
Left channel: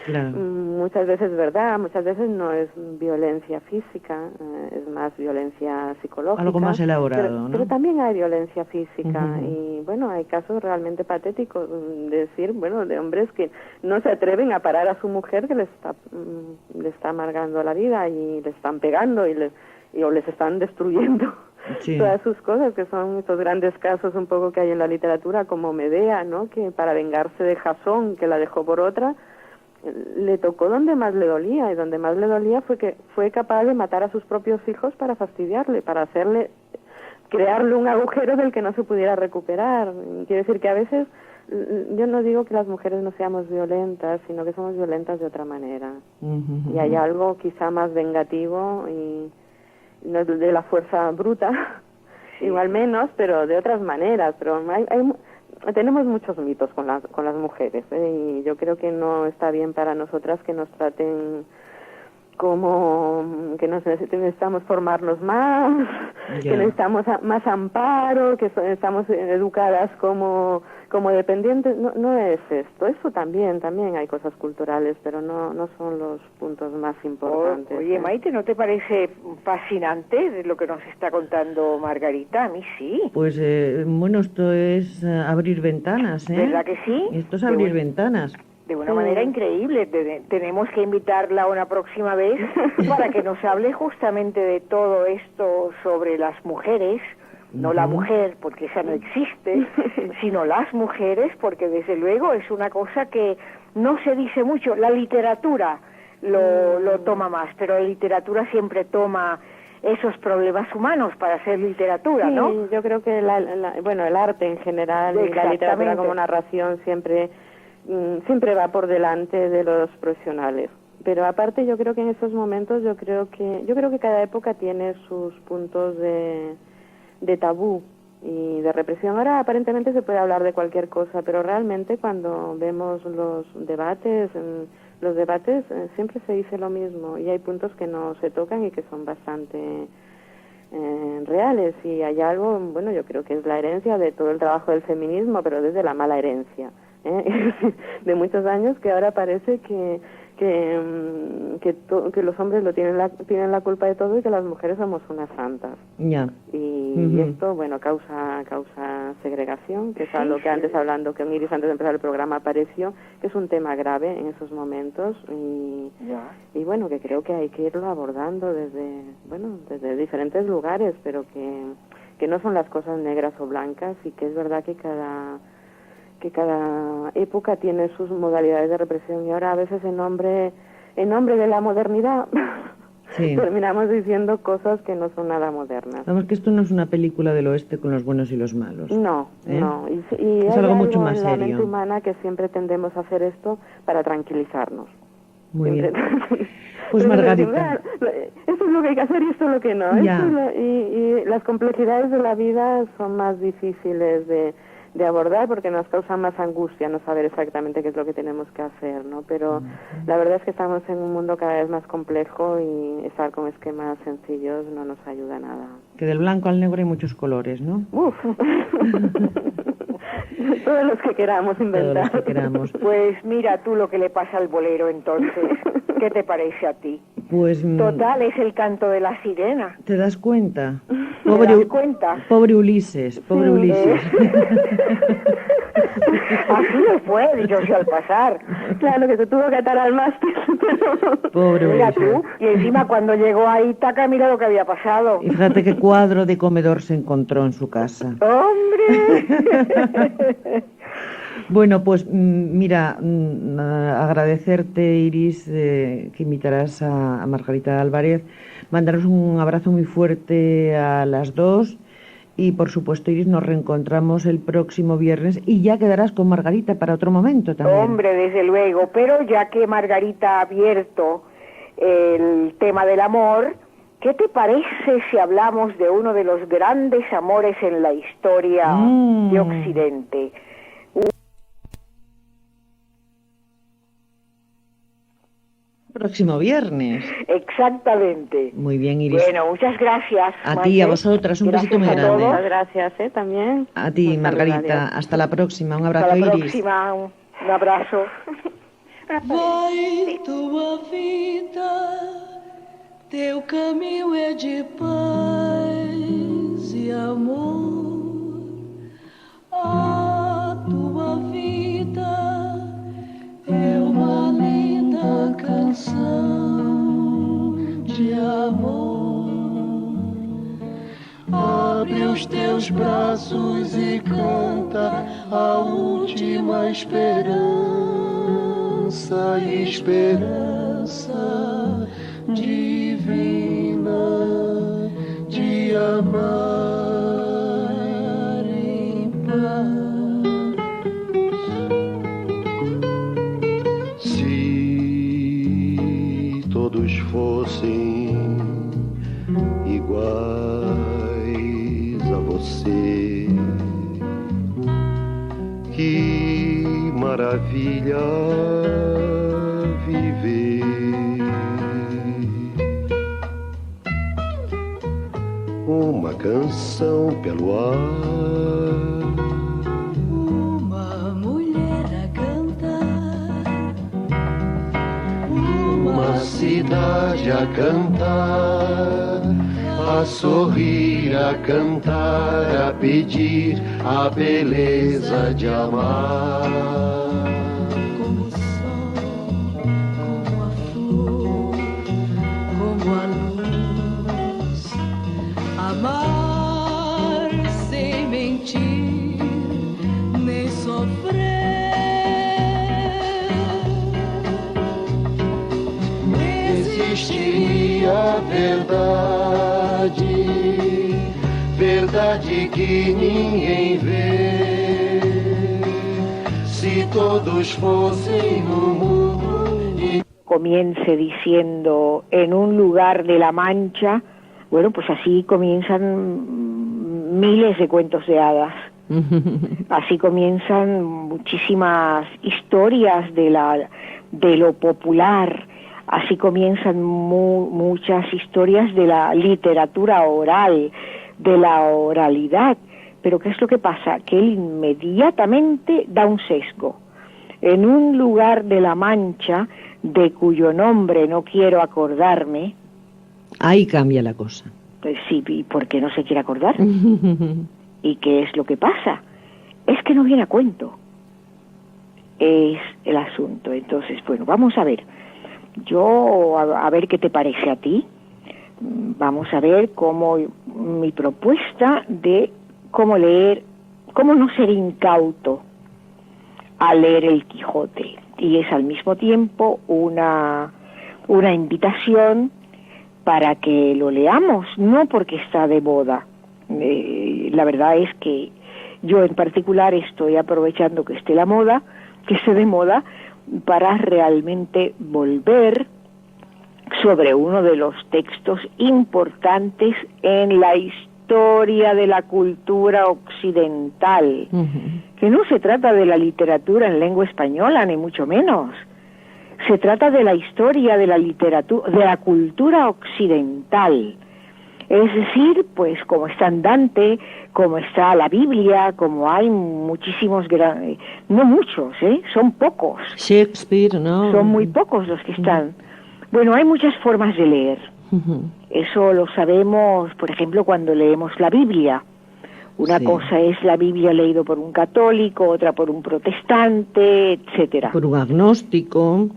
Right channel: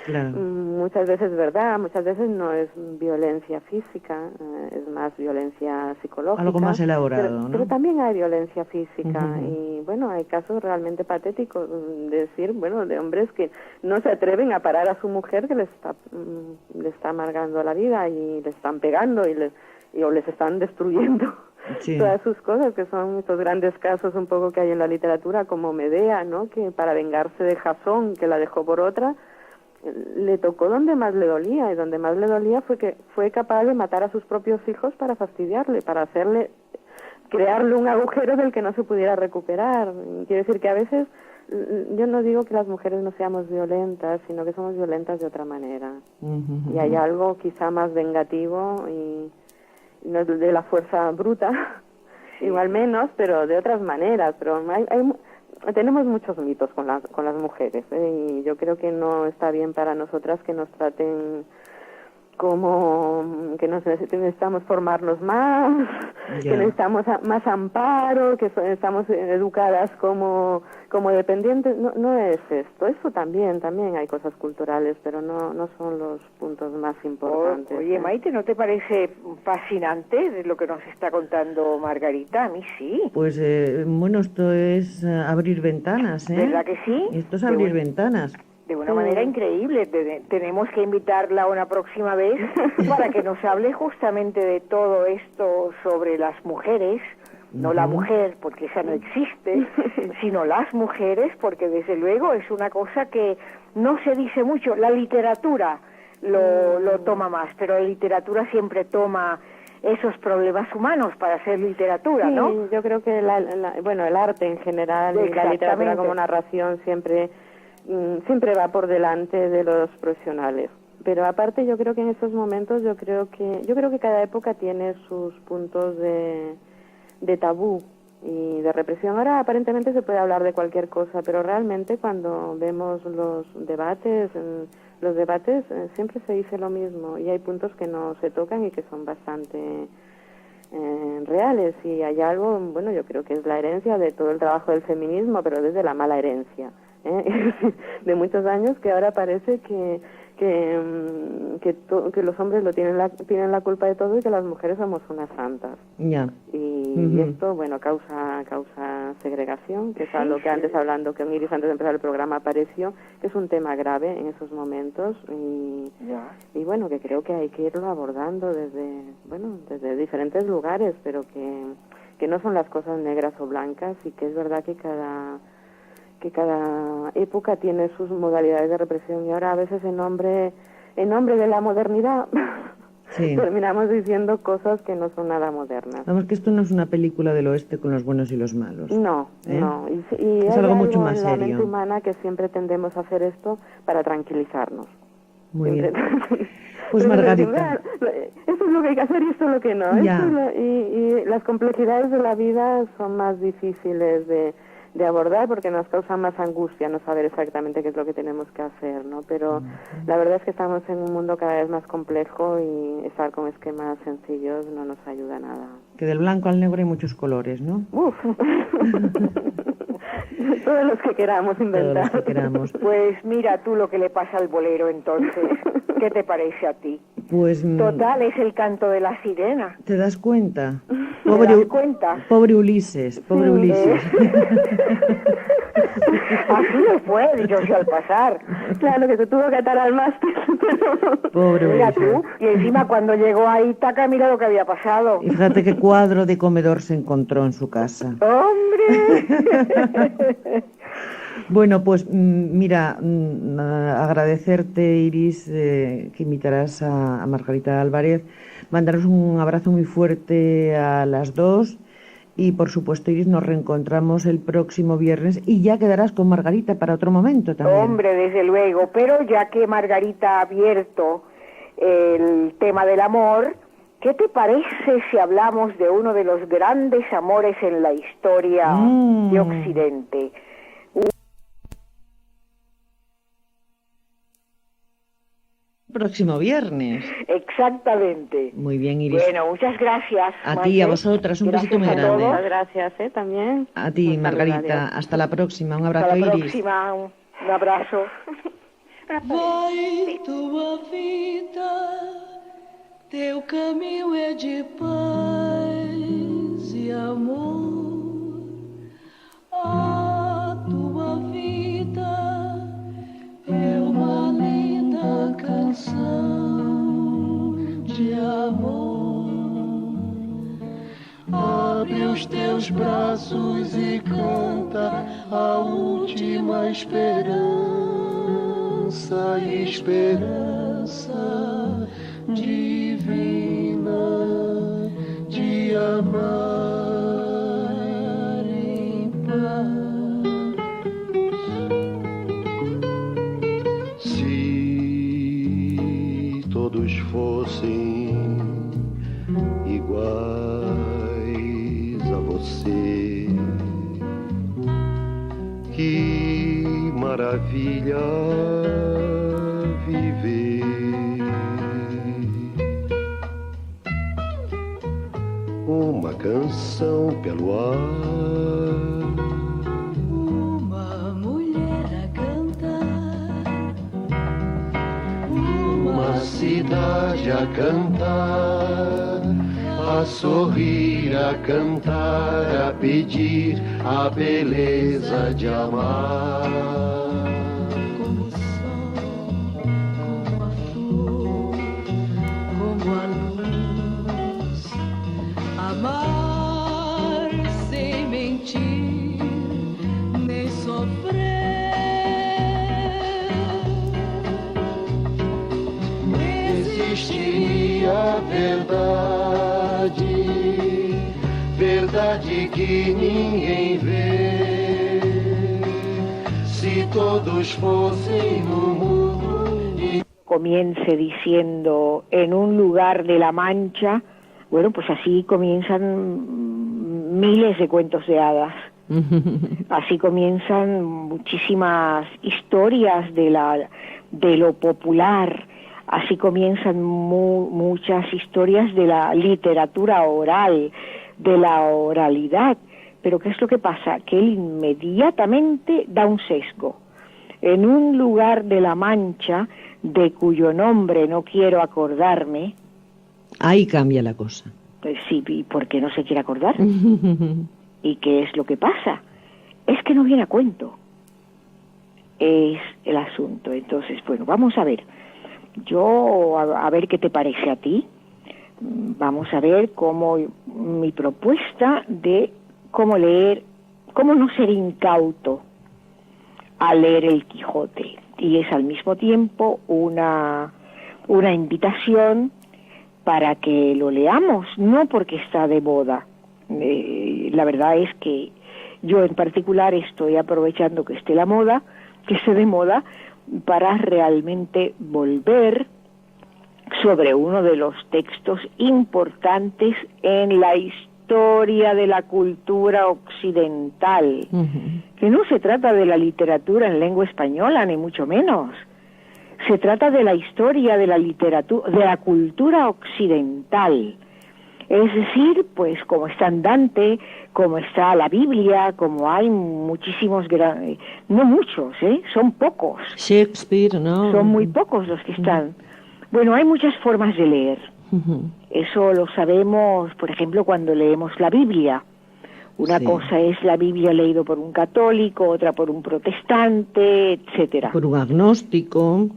Claro. Muchas veces es verdad, muchas veces no es violencia física, es más violencia psicológica. Algo más elaborado, ¿no? Pero también hay violencia física y bueno, hay casos realmente patéticos de decir, bueno, de hombres que no se atreven a parar a su mujer que le está amargando la vida y le están pegando o les están destruyendo. Sí. Todas sus cosas, que son estos grandes casos un poco que hay en la literatura, como Medea, ¿no? Que para vengarse de Jasón, que la dejó por otra, le tocó donde más le dolía, y donde más le dolía fue que fue capaz de matar a sus propios hijos para fastidiarle, para crearle un agujero del que no se pudiera recuperar. Quiere decir que a veces, yo no digo que las mujeres no seamos violentas, sino que somos violentas de otra manera. Y hay algo quizá más vengativo y no de la fuerza bruta, igual menos, pero de otras maneras. Pero tenemos muchos mitos con las mujeres, y yo creo que no está bien para nosotras que nos traten como que necesitamos formarnos más, que necesitamos más amparo, que estamos educadas como dependientes. No es esto. Eso también hay cosas culturales, pero no son los puntos más importantes. Oye, Maite, ¿no te parece fascinante de lo que nos está contando Margarita? A mí sí. Pues bueno, esto es abrir ventanas, ¿eh? ¿Verdad que sí? Esto es abrir ventanas. De una manera increíble. Tenemos que invitarla una próxima vez para que nos hable justamente de todo esto sobre las mujeres, no la mujer, porque esa no existe, sino las mujeres, porque desde luego es una cosa que no se dice mucho. La literatura lo toma más, pero la literatura siempre toma esos problemas humanos para hacer literatura, ¿no? Sí, yo creo que el arte en general y la literatura como narración siempre va por delante de los profesionales. Pero aparte yo creo que en estos momentos yo creo que cada época tiene sus puntos de tabú y de represión. Ahora aparentemente se puede hablar de cualquier cosa, pero realmente cuando vemos los debates siempre se dice lo mismo y hay puntos que no se tocan y que son bastante reales, y hay algo, bueno, yo creo que es la herencia de todo el trabajo del feminismo, pero desde la mala herencia, de muchos años, que ahora parece que los hombres tienen la culpa de todo y que las mujeres somos unas santas. Ya. Y esto, bueno, causa segregación, que es algo que antes, hablando con Iris antes de empezar el programa, apareció, que es un tema grave en esos momentos, y bueno, que creo que hay que irlo abordando desde diferentes lugares, pero que no son las cosas negras o blancas, y que es verdad que cada época tiene sus modalidades de represión, y ahora a veces en nombre de la modernidad terminamos diciendo cosas que no son nada modernas. Vamos, que esto no es una película del oeste con los buenos y los malos. No. Y es algo mucho más serio. En la mente humana que siempre tendemos a hacer esto para tranquilizarnos. Muy bien. Pues Margarita, esto es lo que hay que hacer y esto es lo que no. Y las complejidades de la vida son más difíciles de abordar, porque nos causa más angustia no saber exactamente qué es lo que tenemos que hacer, ¿no? Pero la verdad es que estamos en un mundo cada vez más complejo, y estar con esquemas sencillos no nos ayuda nada. Que del blanco al negro hay muchos colores, ¿no? Uf. Todos los que queramos inventar. Todos los que queramos. Pues mira tú lo que le pasa al bolero, entonces. ¿Qué te parece a ti? Pues total, es el canto de la sirena. ¿Te das cuenta? ¿Te das cuenta? Pobre Ulises, pobre Ulises. Así me fue, dicho sea al pasar. Claro, que se tuvo que atar al mástil. Pobre mira Ulises. Tú, y encima cuando llegó a Ítaca, mira lo que había pasado. Y fíjate qué cuadro de comedor se encontró en su casa. ¡Hombre! Bueno, pues mira, agradecerte, Iris, que invitarás a Margarita Álvarez, mandaros un abrazo muy fuerte a las dos, y por supuesto, Iris, nos reencontramos el próximo viernes, y ya quedarás con Margarita para otro momento también. Hombre, desde luego, pero ya que Margarita ha abierto el tema del amor, ¿qué te parece si hablamos de uno de los grandes amores en la historia de Occidente? Próximo viernes. Exactamente. Muy bien, Iris. Bueno, muchas gracias. A ti, a vosotras, un besito muy grande. Muchas gracias, también. A ti, Margarita. Hasta la próxima. Un abrazo, Iris. Hasta la Iris. próxima. Un abrazo. Vai tua vida, teu caminho é de paz e amor. A tua vida é uma linda canção de amor. Abre os teus braços e canta a última esperança divina de amar em paz. Se todos fossem iguais a você, que maravilha viver. Uma canção pelo ar, uma mulher a cantar, uma cidade a cantar, a sorrir, a cantar, a pedir a beleza de amar. como o sol, como a flor, como a luz. Amar sem mentir, nem sofrer. Existia a verdade que ninguém vê. Si todos fossem no mundo y... Comience diciendo en un lugar de la Mancha, bueno, pues así comienzan miles de cuentos de hadas. Así comienzan muchísimas historias de lo popular. Así comienzan muchas historias de la literatura oral. de la oralidad. Pero ¿qué es lo que pasa? Que él inmediatamente da un sesgo. En un lugar de la Mancha, de cuyo nombre no quiero acordarme... Ahí cambia la cosa. Pues sí, ¿y por qué no se quiere acordar? ¿Y qué es lo que pasa? Es que no viene a cuento. Es el asunto. Entonces, bueno, vamos a ver. Yo, a ver qué te parece a ti. Vamos a ver cómo mi propuesta de cómo leer, cómo no ser incauto al leer el Quijote. Y es al mismo tiempo una invitación para que lo leamos, no porque está de moda. La verdad es que yo en particular estoy aprovechando que esté la moda, que esté de moda, para realmente volver sobre uno de los textos importantes en la historia de la cultura occidental, que no se trata de la literatura en lengua española, ni mucho menos. Se trata de la historia de la literatura, de la cultura occidental. Es decir, pues como está Dante, como está la Biblia, como hay muchísimos, no muchos, son pocos. Shakespeare, ¿no? Son muy pocos los que están. Bueno, hay muchas formas de leer. Eso lo sabemos, por ejemplo, cuando leemos la Biblia. Una cosa es la Biblia leído por un católico, otra por un protestante, etcétera. Por un agnóstico.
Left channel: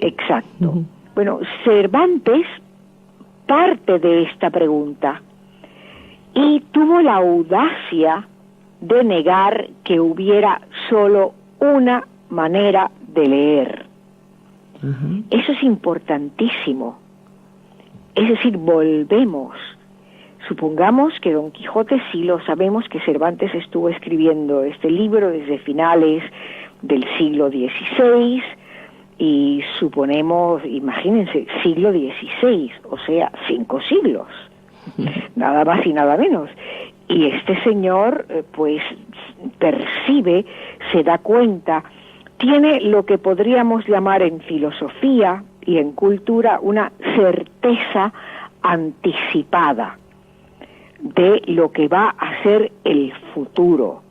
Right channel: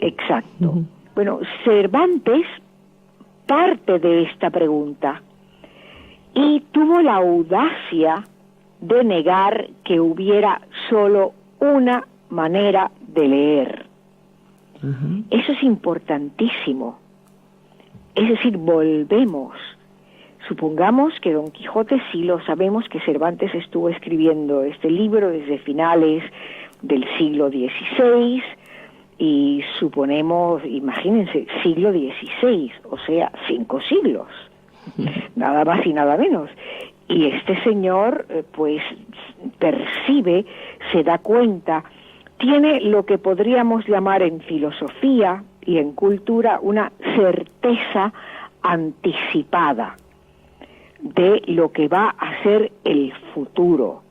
Exacto. Bueno, Cervantes parte de esta pregunta y tuvo la audacia de negar que hubiera solo una manera de leer. Eso es importantísimo. Es decir, volvemos. Supongamos que Don Quijote, sí lo sabemos, que Cervantes estuvo escribiendo este libro desde finales del siglo XVI, y suponemos, imagínense, siglo XVI, o sea, 5 siglos, nada más y nada menos. Y este señor, pues, percibe, se da cuenta, tiene lo que podríamos llamar en filosofía y en cultura una certeza anticipada de lo que va a ser el futuro.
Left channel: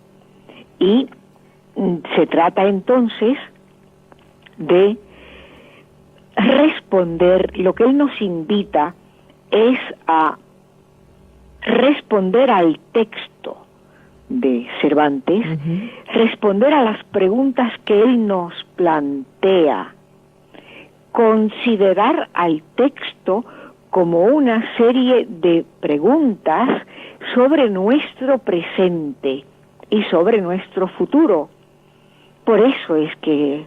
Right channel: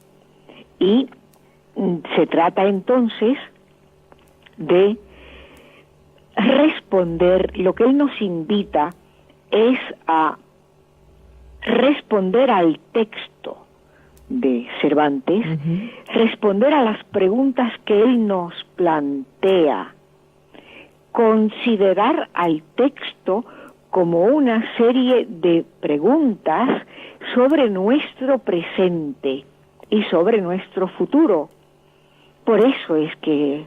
Y se trata entonces de responder, lo que él nos invita es a responder al texto de Cervantes, responder a las preguntas que él nos plantea, considerar al texto como una serie de preguntas sobre nuestro presente y sobre nuestro futuro. Por eso es que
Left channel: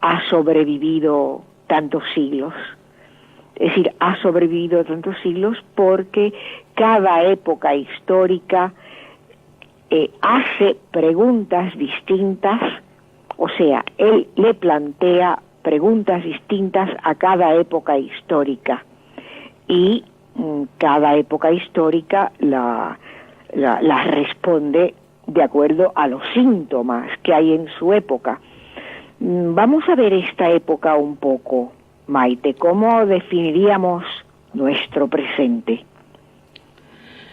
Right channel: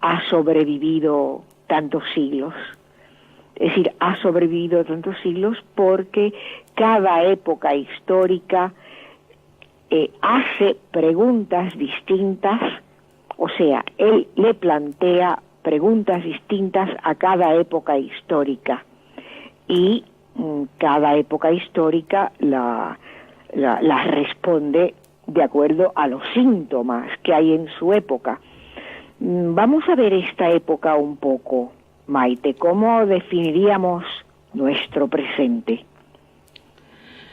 ha sobrevivido tantos siglos. Es decir, ha sobrevivido tantos siglos porque cada época histórica hace preguntas distintas, o sea, él le plantea preguntas distintas a cada época histórica. Y cada época histórica la responde de acuerdo a los síntomas que hay en su época. Vamos a ver esta época un poco, Maite. ¿Cómo definiríamos nuestro presente?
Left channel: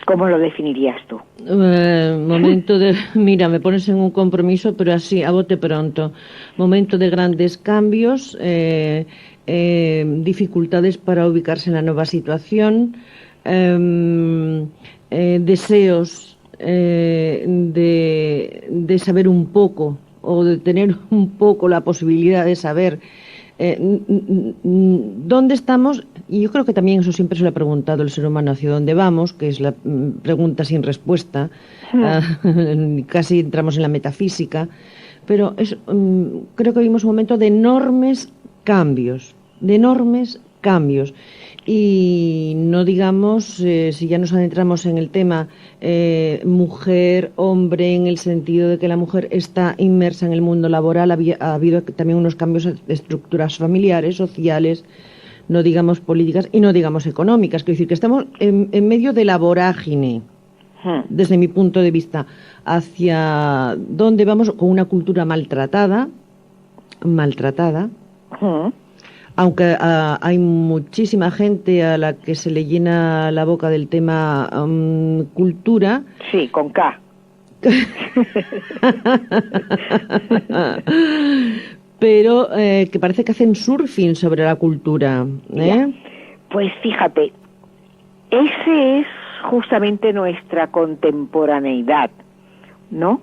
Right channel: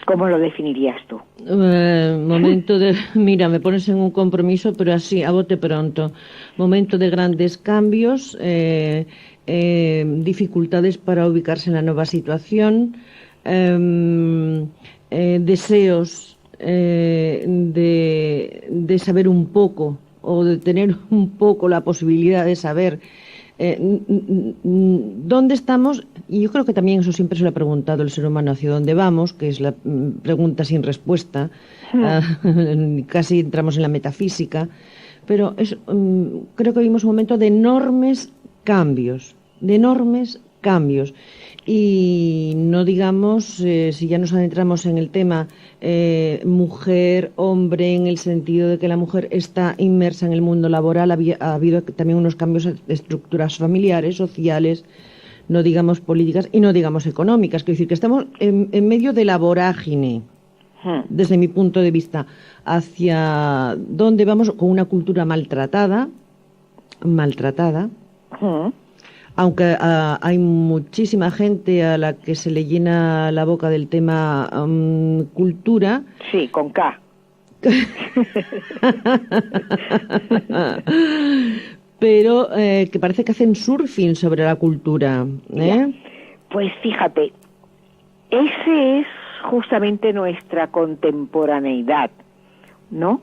¿Cómo lo definirías tú? Momento de... Mira, me pones en un compromiso, pero así, a bote pronto. Momento de grandes cambios, dificultades para ubicarse en la nueva situación, deseos de saber un poco, o de tener un poco la posibilidad de saber dónde estamos. Y yo creo que también eso siempre se lo ha preguntado el ser humano, hacia dónde vamos, que es la pregunta sin respuesta. Casi entramos en la metafísica, pero creo que vivimos un momento de enormes cambios, y no digamos, si ya nos adentramos en el tema mujer, hombre, en el sentido de que la mujer está inmersa en el mundo laboral, ha habido también unos cambios de estructuras familiares, sociales, no digamos políticas y no digamos económicas. Quiero decir que estamos en medio de la vorágine, desde mi punto de vista, hacia dónde vamos, con una cultura maltratada, Aunque hay muchísima gente a la que se le llena la boca del tema cultura. Sí, con K. Pero que parece que hacen surfing sobre la cultura. Pues fíjate, ese es justamente nuestra contemporaneidad, ¿no?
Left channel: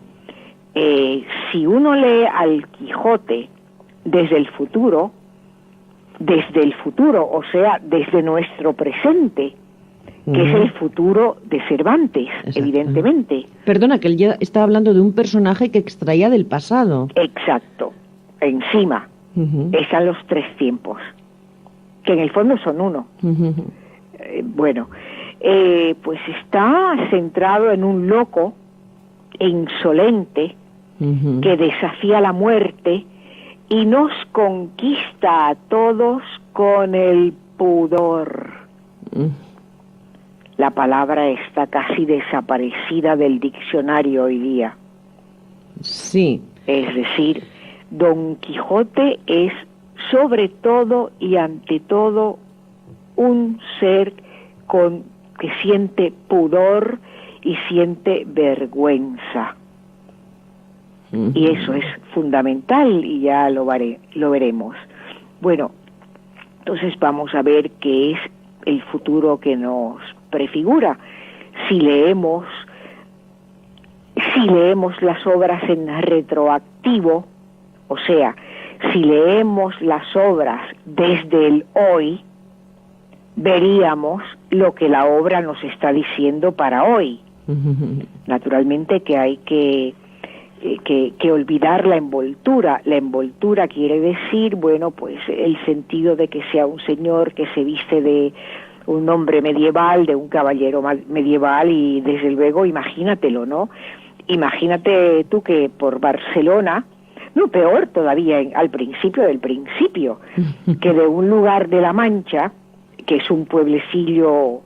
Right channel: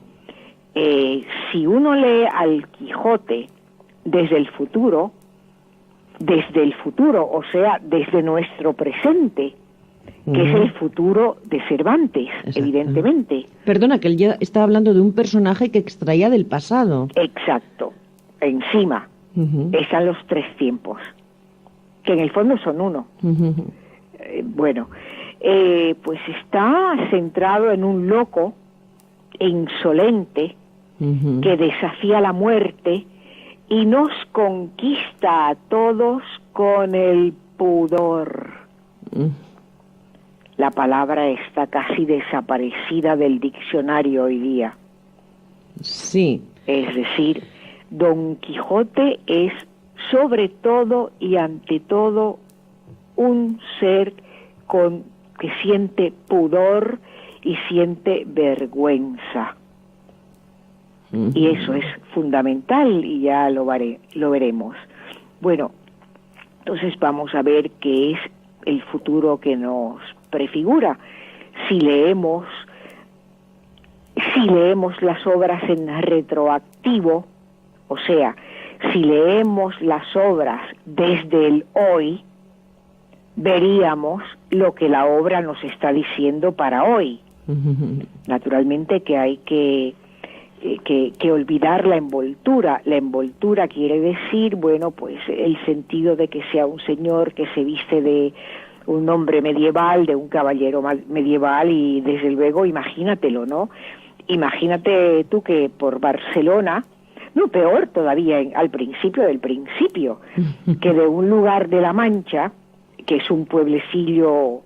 Si uno lee al Quijote desde el futuro, o sea, desde nuestro presente, que es el futuro de Cervantes, evidentemente. Perdona, que él ya está hablando de un personaje que extraía del pasado. Exacto. Encima están los tres tiempos, que en el fondo son uno. Bueno, pues está centrado en un loco insolente que desafía la muerte y nos conquista a todos con el pudor. La palabra está casi desaparecida del diccionario hoy día. Sí. Es decir, Don Quijote es sobre todo y ante todo un ser que siente pudor y siente vergüenza. Y eso es fundamental y ya lo veremos. Bueno, entonces vamos a ver qué es el futuro que nos prefigura. Si leemos las obras en retroactivo, o sea, si leemos las obras desde el hoy, veríamos lo que la obra nos está diciendo para hoy. Naturalmente que hay que olvidar la envoltura. La envoltura quiere decir, bueno, pues el sentido de que sea un señor que se viste de un hombre medieval, de un caballero medieval, y desde luego imagínatelo, ¿no? Imagínate tú que por Barcelona, no, peor todavía, al principio del principio, que de un lugar de La Mancha, que es un pueblecillo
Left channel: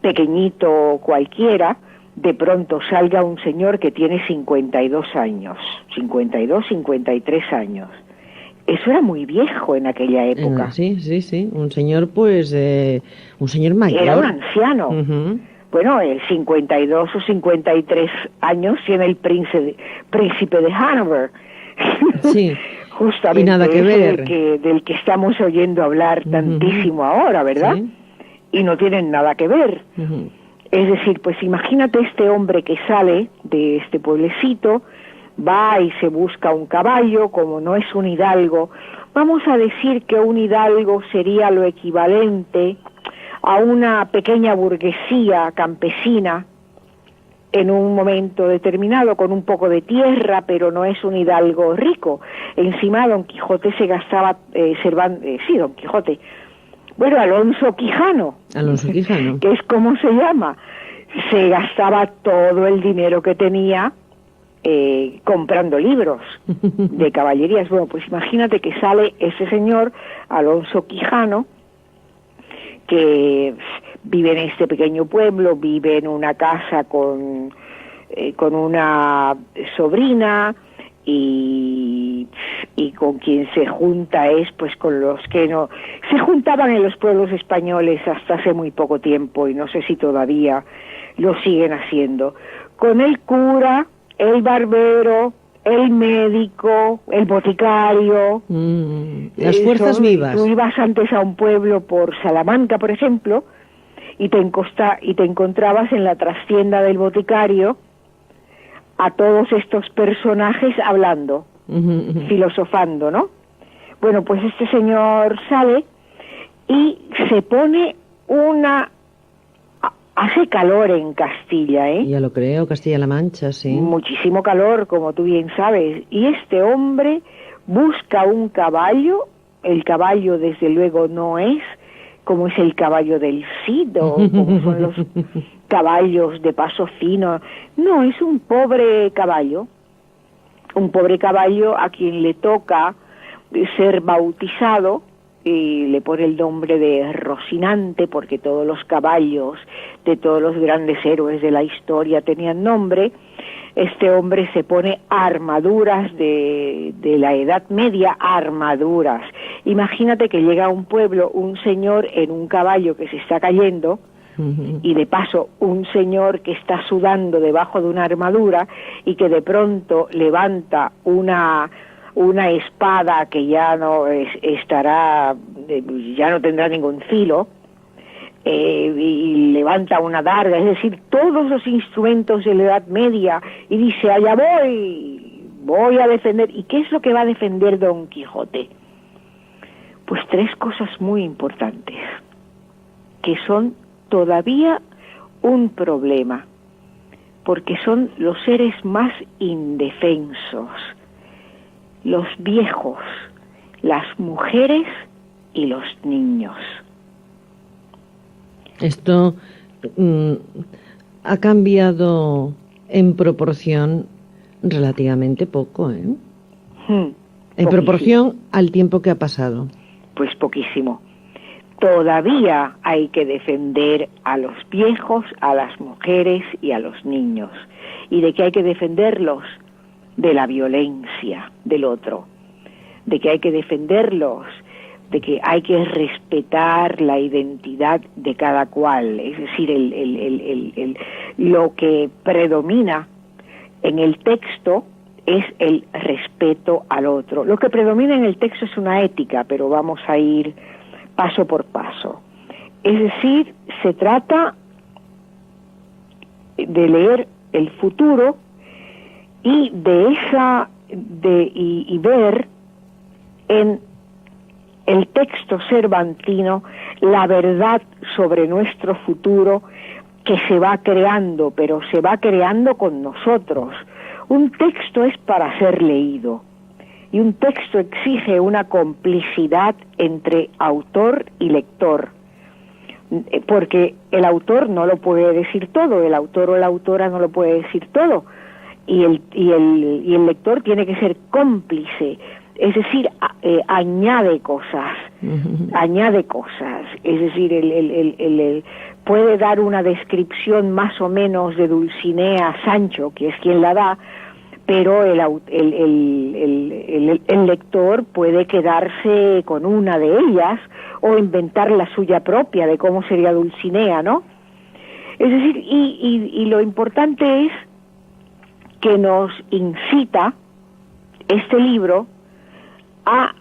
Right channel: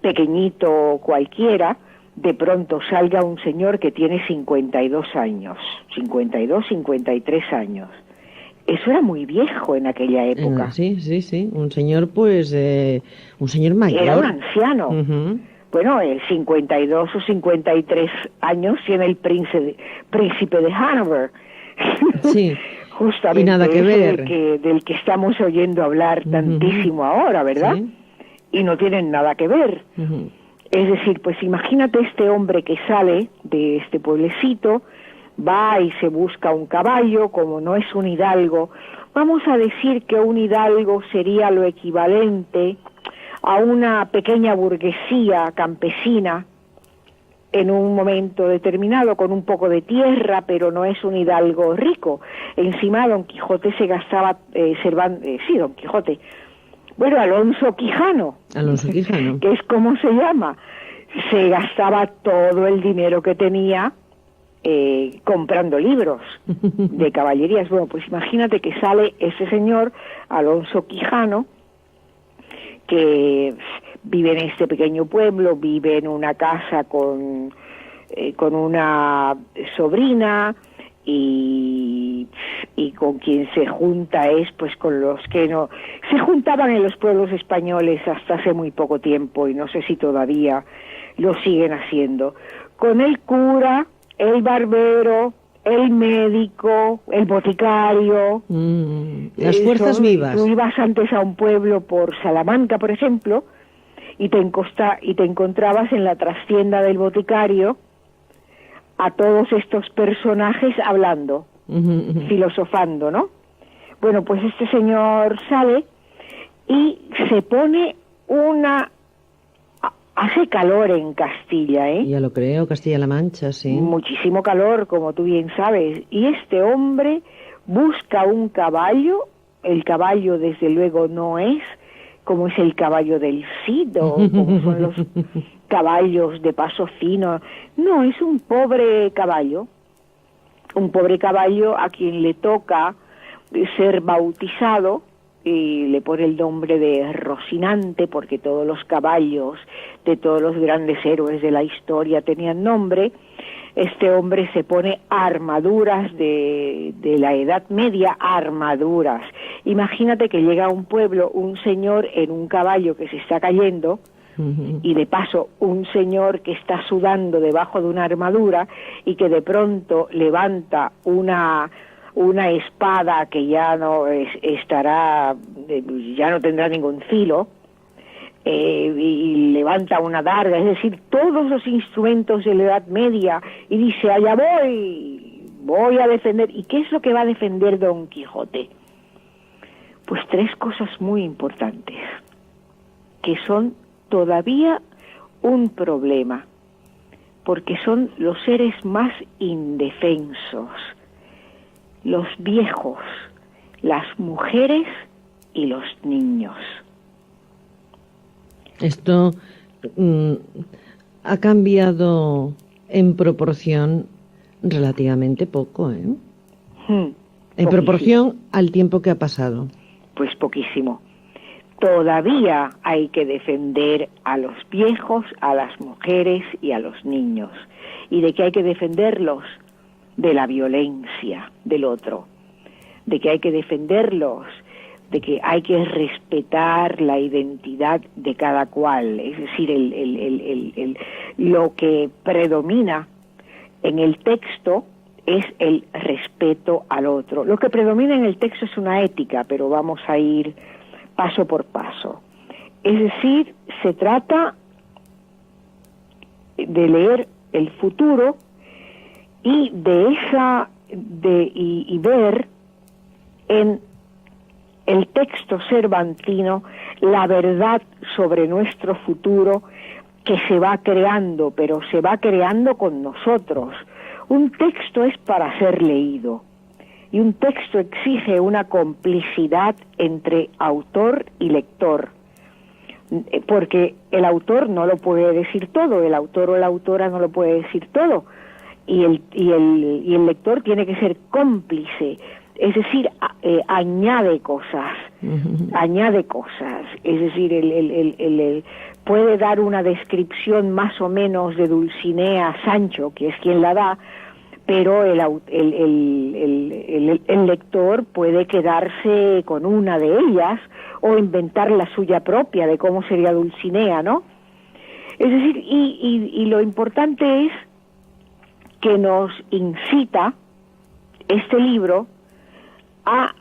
pequeñito cualquiera, de pronto salga un señor que tiene 52 años, 52, 53 años. Eso era muy viejo en aquella época. Sí, un señor pues, un señor mayor. Era un anciano. Bueno, el 52 o 53 años tiene el príncipe de Hanover. Sí. Justamente y nada que ver. Del que estamos oyendo hablar tantísimo ahora, ¿verdad? Sí. Y no tienen nada que ver. Es decir, pues imagínate este hombre que sale de este pueblecito, va y se busca un caballo, como no es un hidalgo. Vamos a decir que un hidalgo sería lo equivalente a una pequeña burguesía campesina en un momento determinado, con un poco de tierra, pero no es un hidalgo rico. Encima Don Quijote se gastaba, Don Quijote, bueno, Alonso Quijano, que es como se llama, se gastaba todo el dinero que tenía comprando libros de caballerías. Bueno, pues imagínate que sale ese señor, Alonso Quijano, que vive en este pequeño pueblo, vive en una casa con una sobrina, y con quien se junta es pues con los que no se juntaban en los pueblos españoles hasta hace muy poco tiempo, y no sé si todavía lo siguen haciendo, con el cura, el barbero, el médico, el boticario. Las fuerzas vivas. Tú ibas antes a un pueblo por Salamanca, por ejemplo, y te encontrabas en la trastienda del boticario a todos estos personajes hablando, filosofando, ¿no? Bueno, pues este señor sale y se pone hace calor en Castilla, ¿eh? Ya lo creo, Castilla-La Mancha, sí. Muchísimo calor, como tú bien sabes. Y este hombre busca un caballo. El caballo, desde luego, no es como es el caballo del Cid, o como son los caballos de paso fino. No, es un pobre caballo a quien le toca ser bautizado, y le pone el nombre de Rocinante, porque todos los caballos de todos los grandes héroes de la historia tenían nombre. este hombre se pone armaduras de la Edad Media, armaduras. Imagínate que llega a un pueblo un señor en un caballo que se está cayendo, y de paso un señor que está sudando debajo de una armadura y que de pronto levanta una espada que ya no estará, ya no tendrá ningún filo, y levanta una darga, es decir, todos los instrumentos de la Edad Media, y dice, allá voy a defender. ¿Y qué es lo que va a defender Don Quijote? Pues tres cosas muy importantes, que son todavía un problema, porque son los seres más indefensos, los viejos, las mujeres y los niños. Esto ha cambiado en proporción relativamente poco, ¿eh? En proporción al tiempo que ha pasado. Pues poquísimo. Todavía hay que defender a los viejos, a las mujeres y a los niños. ¿Y de qué hay que defenderlos? De la violencia del otro. De que hay que defenderlos, de que hay que respetar la identidad de cada cual. Es decir, lo que predomina en el texto es el respeto al otro. Lo que predomina en el texto es una ética, pero vamos a ir paso por paso. Es decir, se trata de leer el futuro y y ver en el texto cervantino la verdad sobre nuestro futuro que se va creando, pero se va creando con nosotros. Un texto es para ser leído. Y un texto exige una complicidad entre autor y lector, porque el autor no lo puede decir todo, el autor o la autora no lo puede decir todo, y el lector tiene que ser cómplice, es decir, añade cosas, es decir, puede dar una descripción más o menos de Dulcinea a Sancho, que es quien la da, pero el lector puede quedarse con una de ellas o inventar la suya propia de cómo sería Dulcinea, ¿no? Es decir, y lo importante es que nos incita este libro a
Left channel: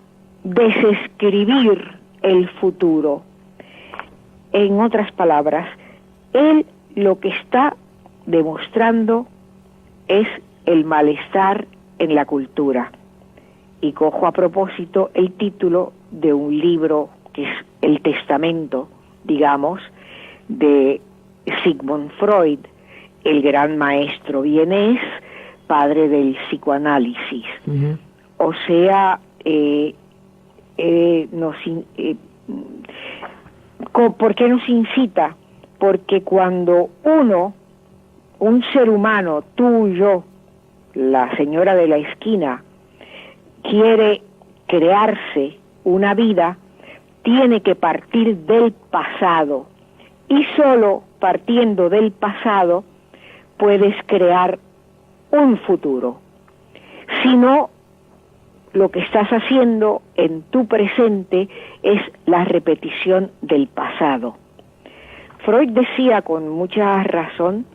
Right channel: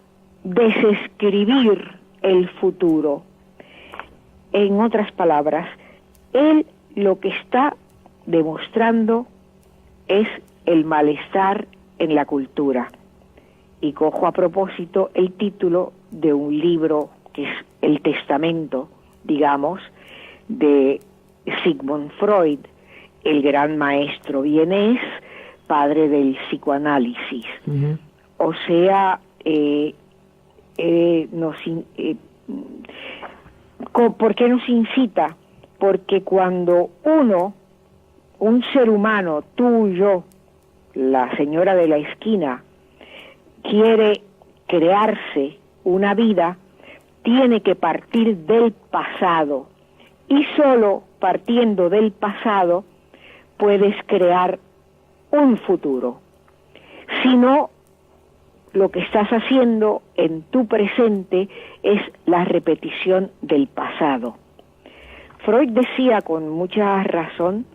desescribir el futuro. En otras palabras, él lo que está demostrando es el malestar en la cultura. Y cojo a propósito el título de un libro que es el testamento, digamos, de Sigmund Freud, el gran maestro vienés, padre del psicoanálisis. O sea, ¿por qué nos incita? Porque cuando un ser humano, tú, yo, la señora de la esquina, quiere crearse una vida, tiene que partir del pasado, y solo partiendo del pasado puedes crear un futuro. Si no, lo que estás haciendo en tu presente es la repetición del pasado. Freud decía con mucha razón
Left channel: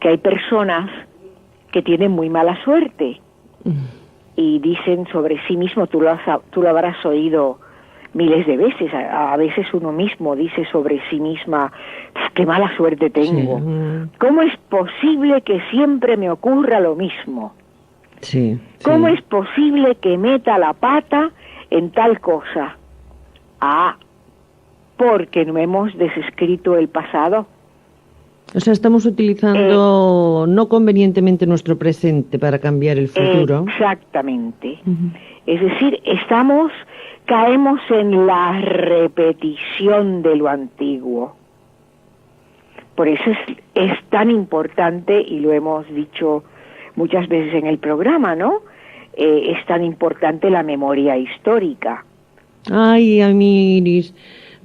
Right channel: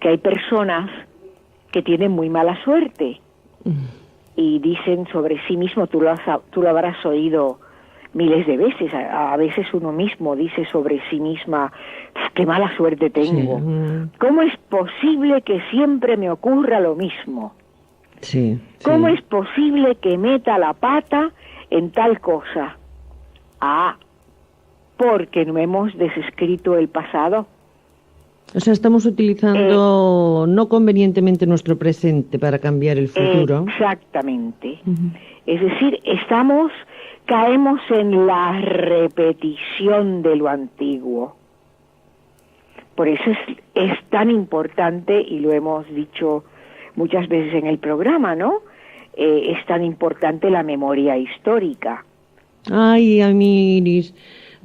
que hay personas que tienen muy mala suerte y dicen sobre sí mismo, tú lo habrás oído miles de veces, a veces uno mismo dice sobre sí misma, qué mala suerte tengo. Sí. ¿Cómo es posible que siempre me ocurra lo mismo? Sí, ¿Cómo es posible que meta la pata en tal cosa? Porque no hemos desescrito el pasado. O sea, estamos utilizando no convenientemente nuestro presente para cambiar el futuro. Exactamente. Es decir, caemos en la repetición de lo antiguo. Por eso es tan importante, y lo hemos dicho muchas veces en el programa, ¿no? Es tan importante la memoria histórica. Ay, Amiris,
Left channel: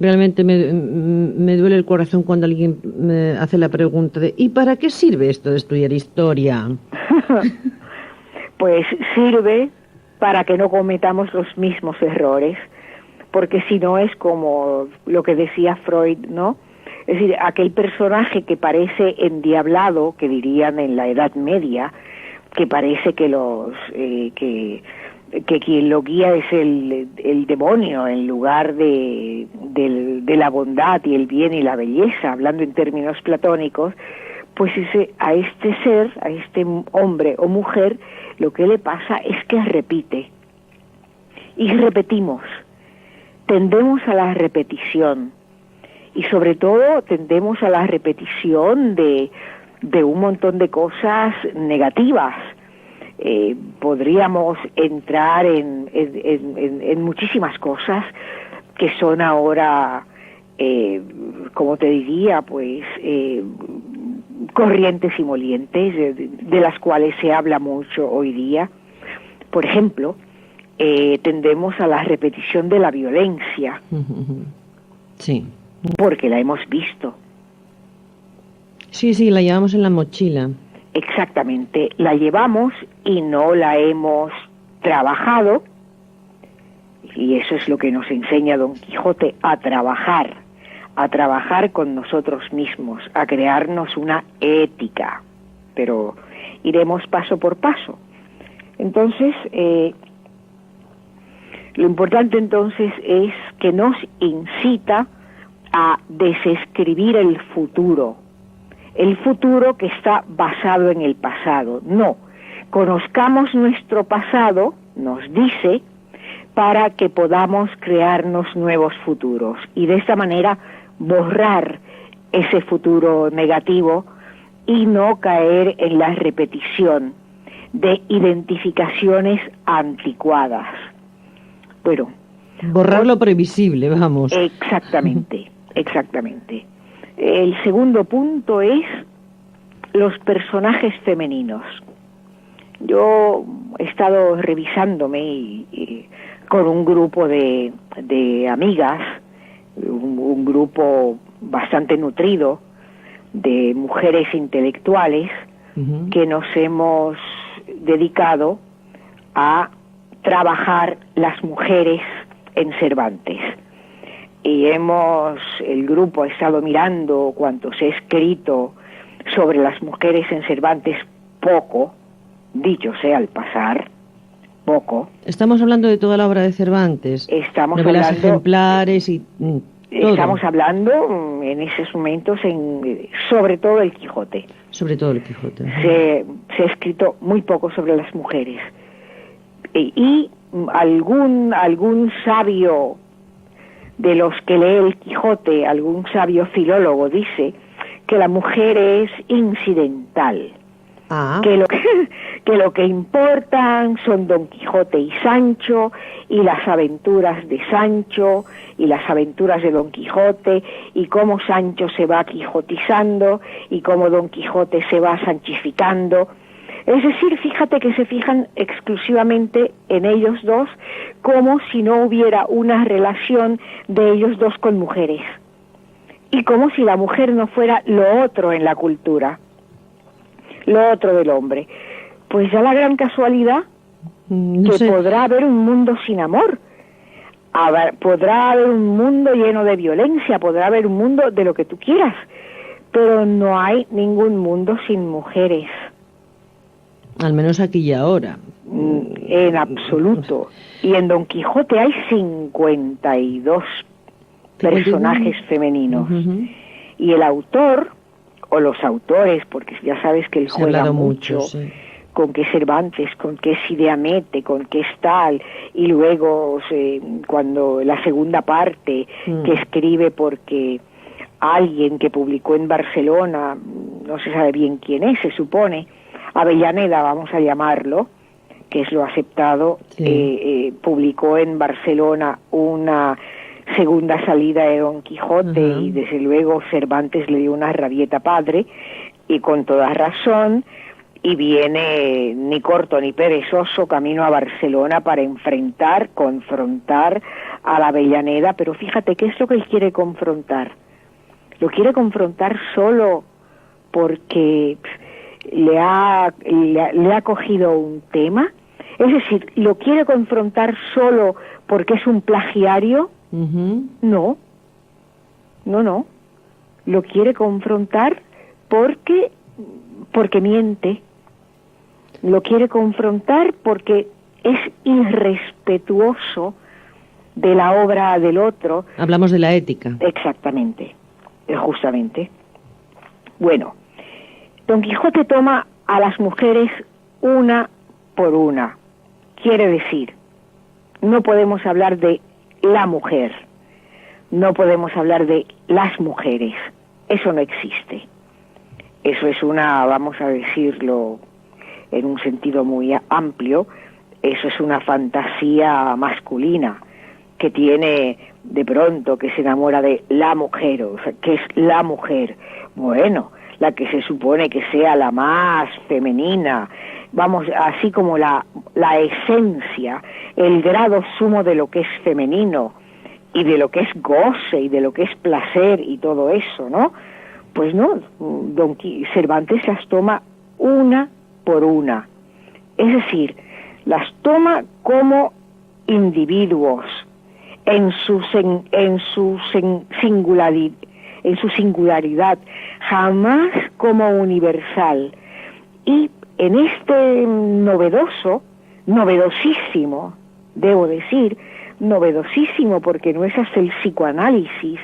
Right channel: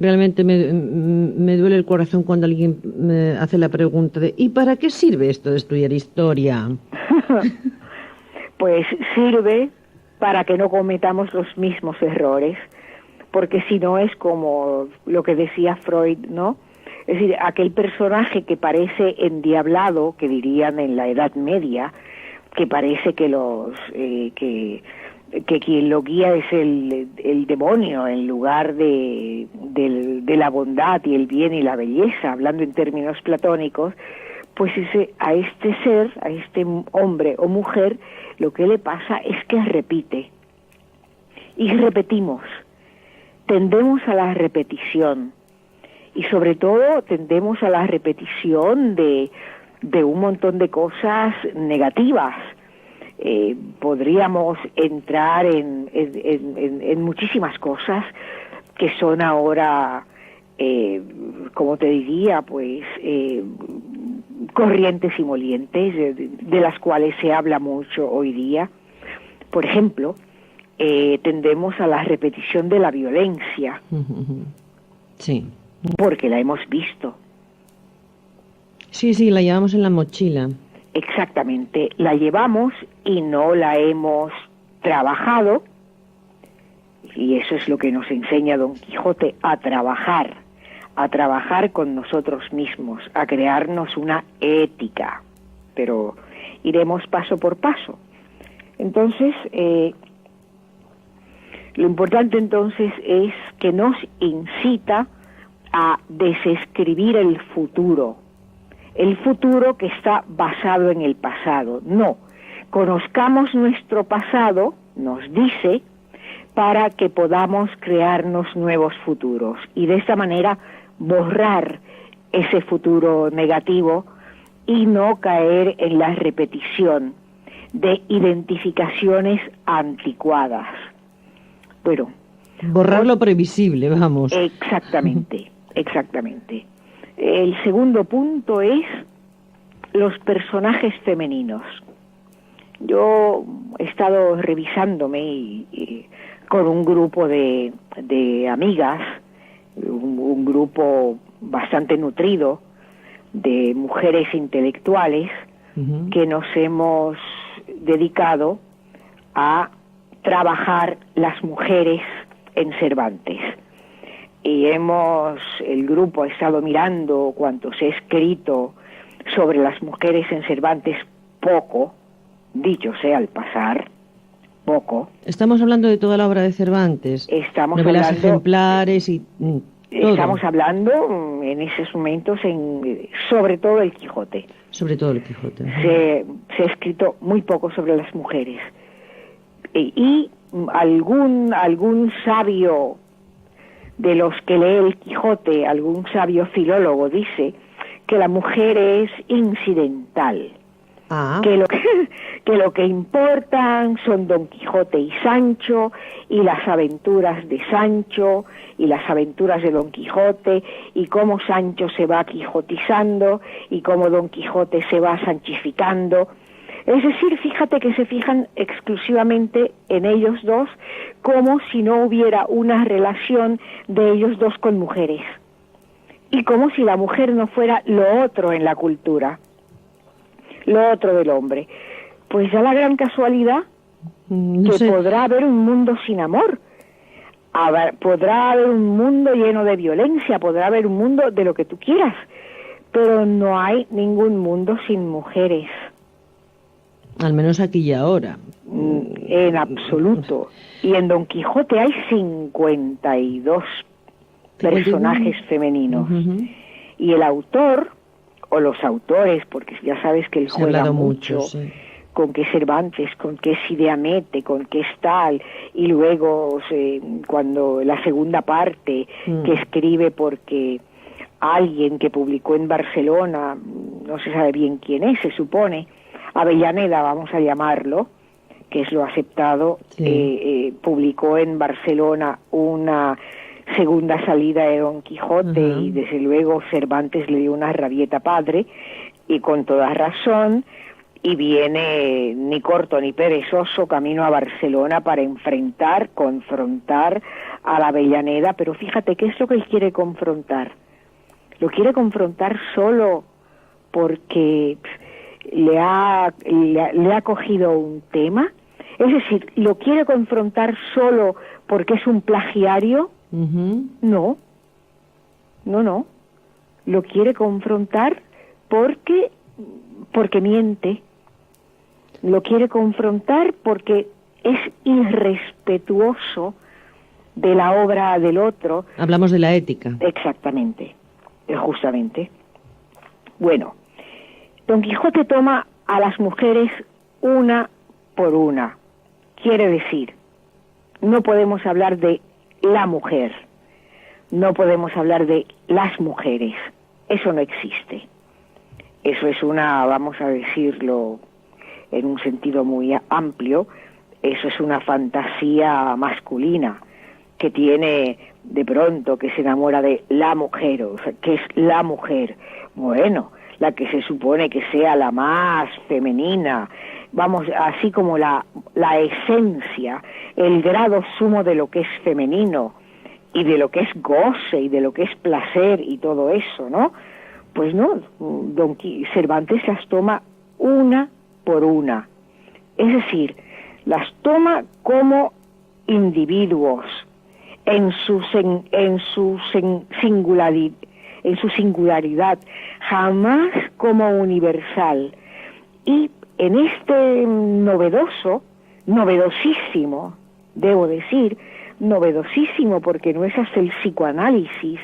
realmente me duele el corazón cuando alguien me hace la pregunta de ¿y para qué sirve esto de estudiar historia? Pues sirve para que no cometamos los mismos errores, porque si no es como lo que decía Freud, ¿no? Es decir, aquel personaje que parece endiablado, que dirían en la Edad Media, que parece que que quien lo guía es el demonio en lugar de la bondad y el bien y la belleza, hablando en términos platónicos, pues a este ser, a este hombre o mujer, lo que le pasa es que repite. Y repetimos, tendemos a la repetición. Y sobre todo tendemos a la repetición de un montón de cosas negativas. Podríamos entrar en muchísimas cosas que son ahora, como te diría, pues corrientes y molientes, de las cuales se habla mucho hoy día. Por ejemplo, tendemos a la repetición de la violencia. Sí. Porque la hemos visto. Sí, la llevamos en la mochila. Exactamente, la llevamos y no la hemos trabajado, y eso es lo que nos enseña Don Quijote, a trabajar con nosotros mismos, a crearnos una ética, pero iremos paso por paso. Entonces, lo importante entonces es que nos incita a desescribir el futuro que está basado en el pasado. No, conozcamos nuestro pasado, nos dice, para que podamos crearnos nuevos futuros y de esta manera borrar ese futuro negativo y no caer en la repetición de identificaciones anticuadas. Bueno, borrar lo previsible, vamos. Exactamente. El segundo punto es los personajes femeninos. Yo he estado revisándome con un grupo de amigas, un grupo bastante nutrido de mujeres intelectuales que nos hemos dedicado a trabajar las mujeres en Cervantes. Y el grupo ha estado mirando cuanto se ha escrito sobre las mujeres en Cervantes, poco, dicho sea al pasar, poco. Estamos hablando de toda la obra de Cervantes. Estamos novelas hablando, ejemplares y todo. Estamos hablando en esos momentos sobre todo el Quijote. Sobre todo el Quijote. Se ha escrito muy poco sobre las mujeres. Y algún sabio de los que lee el Quijote, algún sabio filólogo dice que la mujer es incidental, que lo que importan son Don Quijote y Sancho, y las aventuras de Sancho, y las aventuras de Don Quijote, y cómo Sancho se va quijotizando, y cómo Don Quijote se va sanchificando. Es decir, fíjate que se fijan exclusivamente en ellos dos, como si no hubiera una relación de ellos dos con mujeres. Y como si la mujer no fuera lo otro en la cultura, lo otro del hombre. Pues ya la gran casualidad podrá haber un mundo sin amor, podrá haber un mundo lleno de violencia, podrá haber un mundo de lo que tú quieras, pero no hay ningún mundo sin mujeres. Al menos aquí y ahora. En absoluto. Y en Don Quijote hay 52 personajes femeninos. Y el autor, o los autores, porque ya sabes que él juega mucho, sí, con que Cervantes, con que es Ideamete, con que es tal, y luego cuando la segunda parte que escribe porque alguien que publicó en Barcelona, no se sabe bien quién es, se supone, Avellaneda, vamos a llamarlo, que es lo aceptado, publicó en Barcelona una segunda salida de Don Quijote y desde luego Cervantes le dio una rabieta padre, y con toda razón, y viene ni corto ni perezoso camino a Barcelona para confrontar a la Avellaneda. Pero fíjate, ¿qué es lo que él quiere confrontar? Lo quiere confrontar solo porque le ha cogido un tema. Es decir, ¿lo quiere confrontar solo porque es un plagiario? No. Lo quiere confrontar porque miente. Lo quiere confrontar porque es irrespetuoso de la obra del otro. Hablamos de la ética. Exactamente, justamente. Bueno, Don Quijote toma a las mujeres una por una. Quiere decir, no podemos hablar de la mujer, no podemos hablar de las mujeres. Eso no existe. Eso es vamos a decirlo en un sentido muy amplio, eso es una fantasía masculina que tiene de pronto, que se enamora de la mujer. O sea, ¿qué es la mujer? Bueno, la que se supone que sea la más femenina, vamos, así como la esencia, el grado sumo de lo que es femenino y de lo que es goce y de lo que es placer y todo eso, ¿no? Pues no, Cervantes las toma una por una, es decir, las toma como individuos en su singularidad, jamás como universal. Y en este novedosísimo, debo decir, novedosísimo, porque no es hasta el psicoanálisis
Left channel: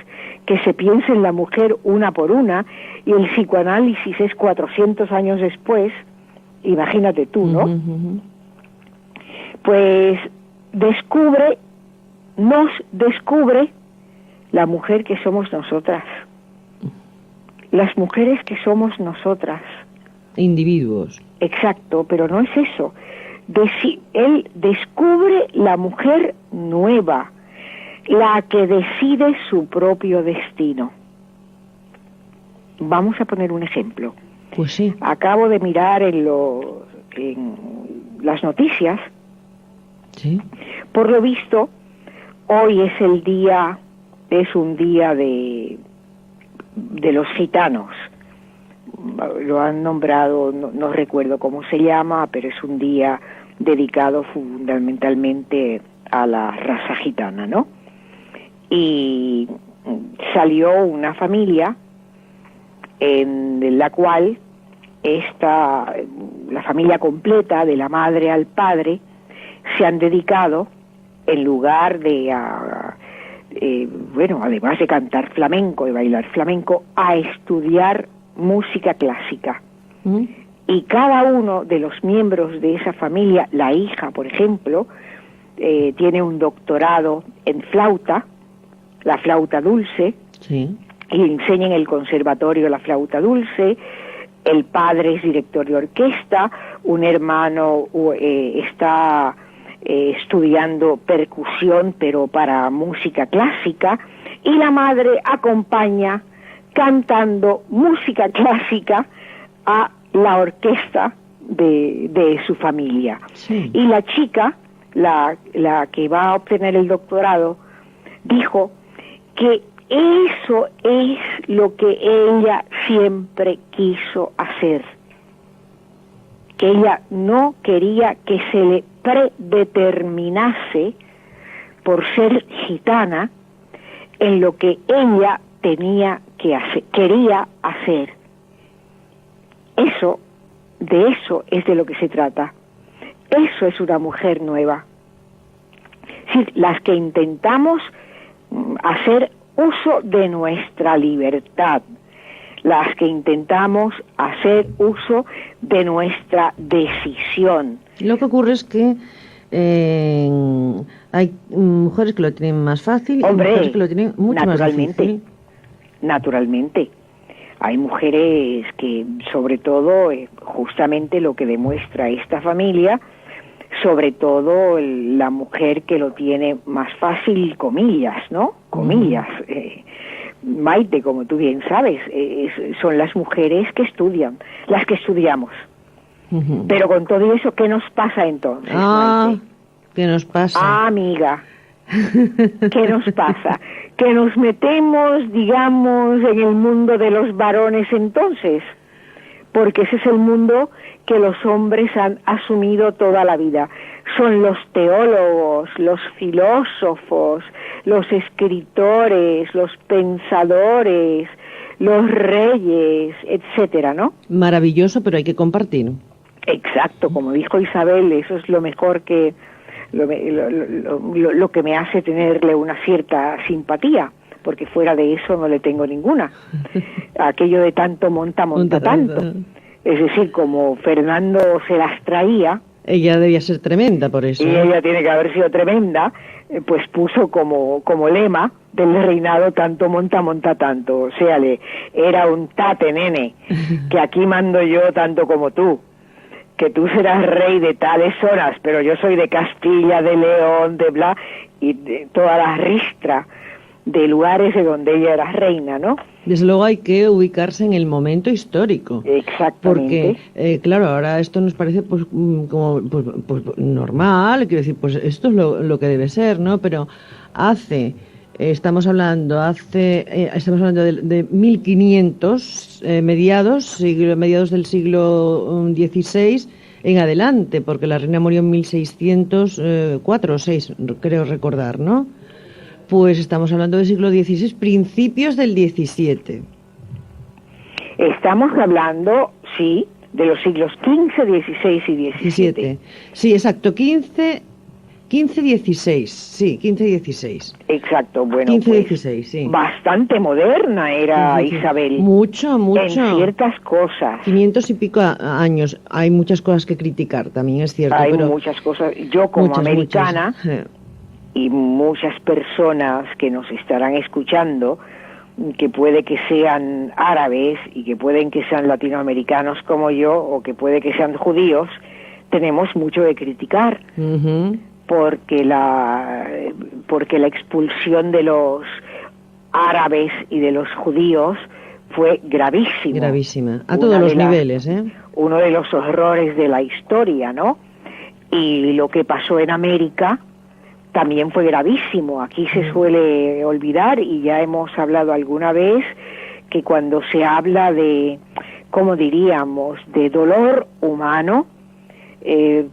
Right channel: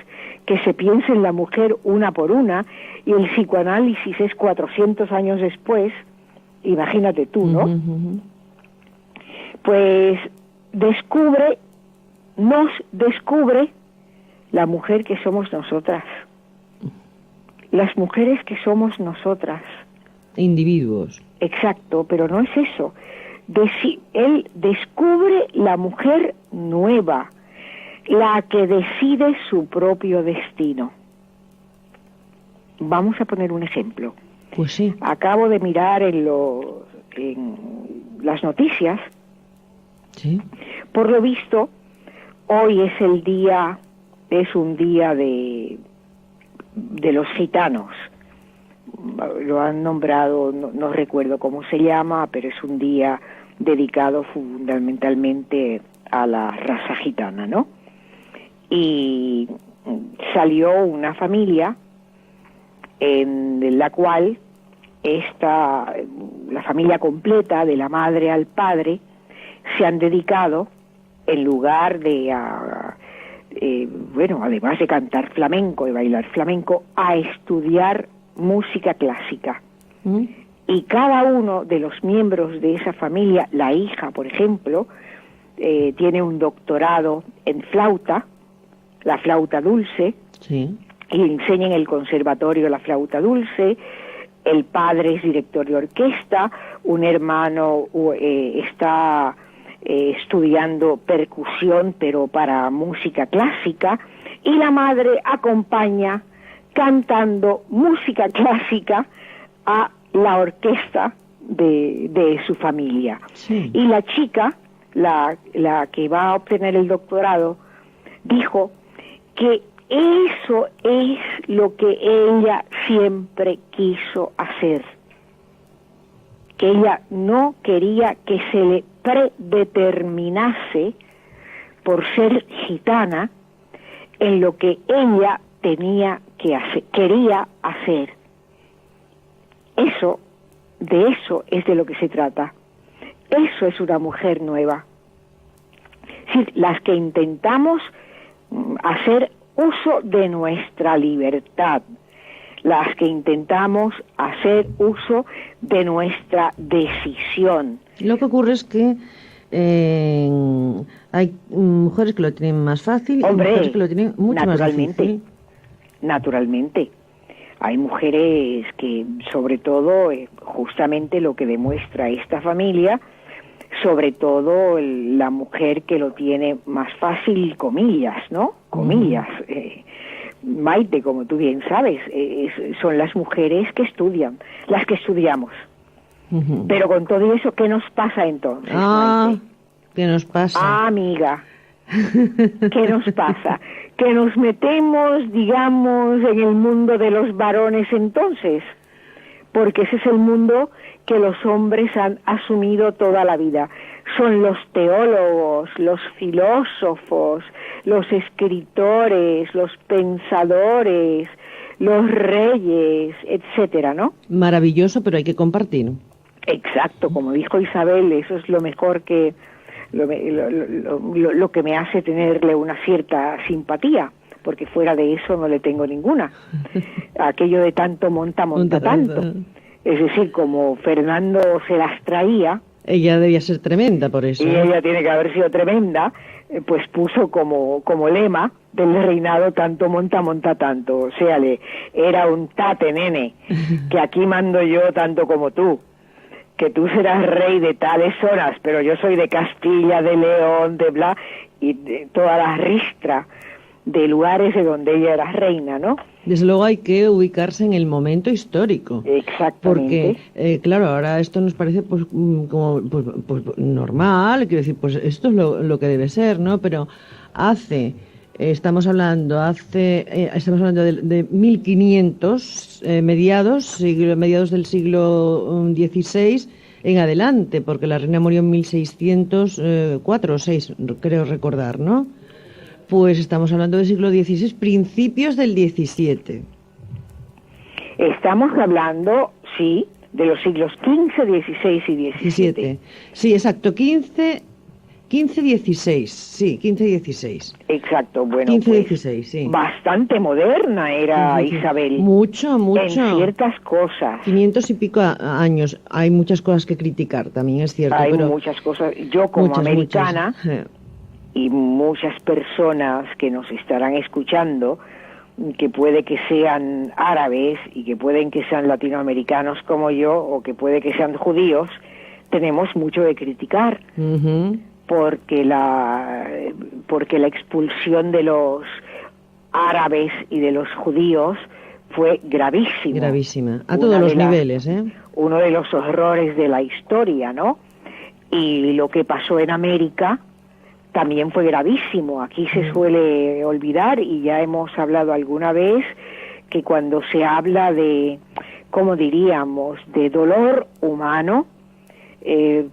que se piensa en la mujer una por una, y el psicoanálisis es 400 años después, imagínate tú, ¿no? Pues nos descubre la mujer que somos nosotras, las mujeres que somos nosotras. Individuos. Exacto, pero no es eso. Él descubre la mujer nueva, la que decide su propio destino. Vamos a poner un ejemplo. Pues sí. Acabo de mirar en las noticias. Sí. Por lo visto, hoy es un día de los gitanos. Lo han nombrado, no recuerdo cómo se llama, pero es un día dedicado fundamentalmente a la raza gitana, ¿no? Y salió una familia en la cual la familia completa, de la madre al padre, se han dedicado, en lugar de además de cantar flamenco, de bailar flamenco, a estudiar música clásica. Y cada uno de los miembros de esa familia, la hija, por ejemplo, tiene un doctorado en flauta, la flauta dulce, sí, y enseña en el conservatorio la flauta dulce. El padre es director de orquesta, un hermano está estudiando percusión, pero para música clásica, y la madre acompaña cantando música clásica a la orquesta de su familia. Sí. Y la chica, la que va a obtener el doctorado, dijo que eso es lo que ella siempre quiso hacer, que ella no quería que se le predeterminase por ser gitana en lo que ella quería hacer. De eso es de lo que se trata. Eso es una mujer nueva. Es decir, las que intentamos hacer uso de nuestra libertad, las que intentamos hacer uso de nuestra decisión. Lo que ocurre es que hay mujeres que lo tienen más fácil, y mujeres que lo tienen mucho más difícil. Naturalmente. Hay mujeres que, sobre todo, justamente lo que demuestra esta familia, sobre todo la mujer que lo tiene más fácil, comillas, ¿no? Comillas. Maite, como tú bien sabes, son las mujeres que estudian, las que estudiamos. Pero con todo eso, ¿qué nos pasa entonces, Maite? ¿Qué nos pasa? Amiga, ¿qué nos pasa? Que nos metemos, digamos, en el mundo de los varones entonces, porque ese es el mundo que los hombres han asumido toda la vida. Son los teólogos, los filósofos, los escritores, los pensadores, los reyes, etcétera, ¿no? Maravilloso, pero hay que compartir. Exacto, como dijo Isabel, eso es lo mejor que lo que me hace tenerle una cierta simpatía, porque fuera de eso no le tengo ninguna. Aquello de tanto monta tanto. Es decir, como Fernando se las traía. Ella debía ser tremenda por eso. Y ella tiene que haber sido tremenda, pues puso como lema del reinado tanto monta tanto. O sea, era un tate, nene, que aquí mando yo tanto como tú. Que tú serás rey de tales horas, pero yo soy de Castilla, de León, de bla, y de toda la ristra de lugares de donde ella era reina, ¿no? Desde luego hay que ubicarse en el momento histórico. Exactamente. Porque, claro, ahora esto nos parece pues como pues normal, quiero decir, pues esto es lo que debe ser, ¿no? Pero estamos hablando de 1500, mediados del siglo XVI en adelante, porque la reina murió en 1604 o 6, creo recordar, ¿no? Pues estamos hablando del siglo XVI, principios del XVII. Estamos hablando, sí, de los siglos XV, XVI y XVII. Sí, exacto, 15, 16, sí, 15 y 16. Exacto, bueno, 15 pues, 16, sí. Bastante moderna era sí. Isabel. Mucho. En ciertas cosas. 500 y pico años. Hay muchas cosas que criticar, también es cierto. Hay pero muchas cosas. Yo como americana y muchas personas que nos estarán escuchando, que puede que sean árabes y que pueden que sean latinoamericanos como yo, o que puede que sean judíos, tenemos mucho que criticar. Porque la expulsión de los árabes y de los judíos fue gravísima. Gravísima, a todos los niveles, ¿eh? Uno de los horrores de la historia, ¿no? Y lo que pasó en América también fue gravísimo. Aquí se suele olvidar, y ya hemos hablado alguna vez, que cuando se habla de, ¿cómo diríamos?, de dolor humano,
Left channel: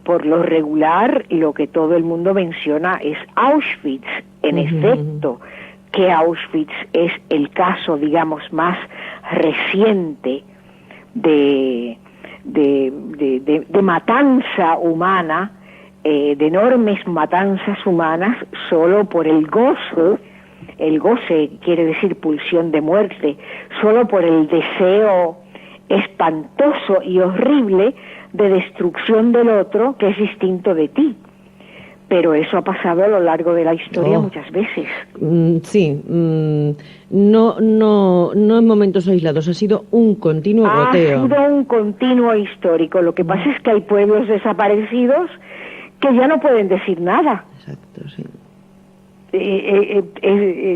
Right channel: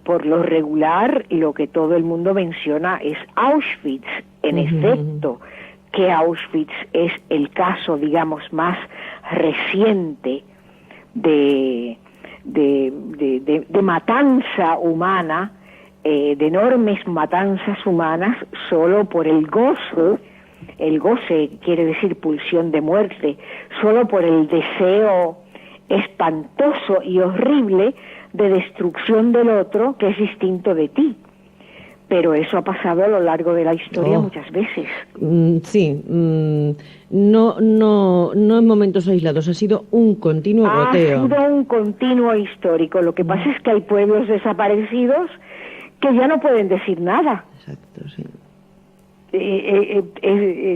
por lo regular, lo que todo el mundo menciona es Auschwitz. En efecto, que Auschwitz es el caso, digamos, más reciente de matanza humana, de enormes matanzas humanas, solo por el goce quiere decir pulsión de muerte, solo por el deseo espantoso y horrible de destrucción del otro, que es distinto de ti. Pero eso ha pasado a lo largo de la historia muchas veces. Sí, no en momentos aislados, ha sido un continuo goteo. Ha sido un continuo histórico. Lo que pasa es que hay pueblos desaparecidos que ya no pueden decir nada. Exacto, sí.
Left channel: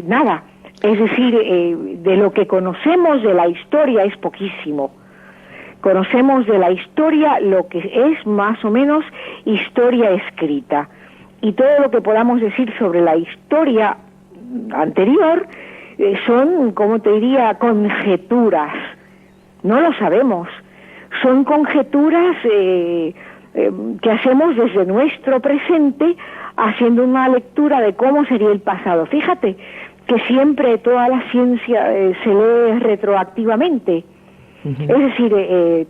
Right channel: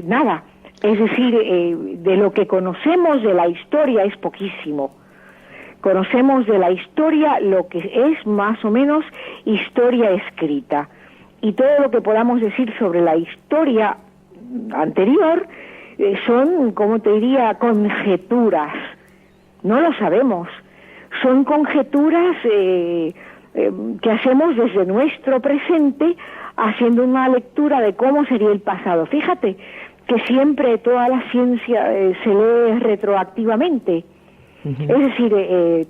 Nada. Es decir, de lo que conocemos de la historia es poquísimo. Conocemos de la historia lo que es más o menos historia escrita. Y todo lo que podamos decir sobre la historia anterior son, como te diría, conjeturas. No lo sabemos. Son conjeturas que hacemos desde nuestro presente, haciendo una lectura de cómo sería el pasado. Fíjate que siempre toda la ciencia se lee retroactivamente. Es decir,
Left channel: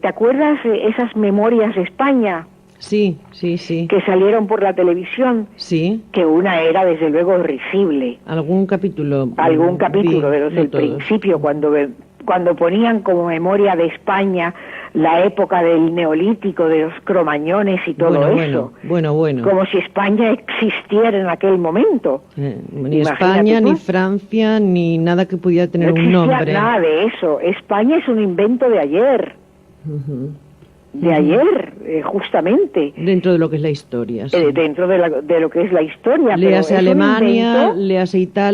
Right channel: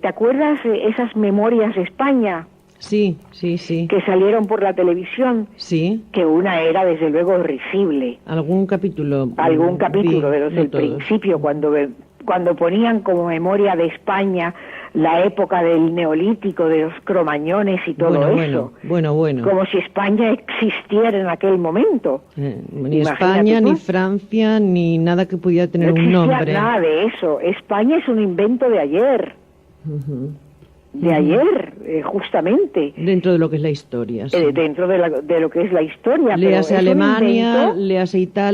¿te acuerdas esas memorias de España? Sí. Que salieron por la televisión. Sí. Que una era, desde luego, risible. Algún capítulo de los del principio, cuando ponían como memoria de España la época del Neolítico, de los cromañones y todo eso. Bueno. Como si España existiera en aquel momento. Ni España, ni Francia, ni nada que pudiera tener un nombre. No existía nada de eso. España es un invento de ayer. De ayer, justamente. Dentro de lo que es la historia. Sí. Dentro de lo que es la historia. Léase Alemania, léase Italia.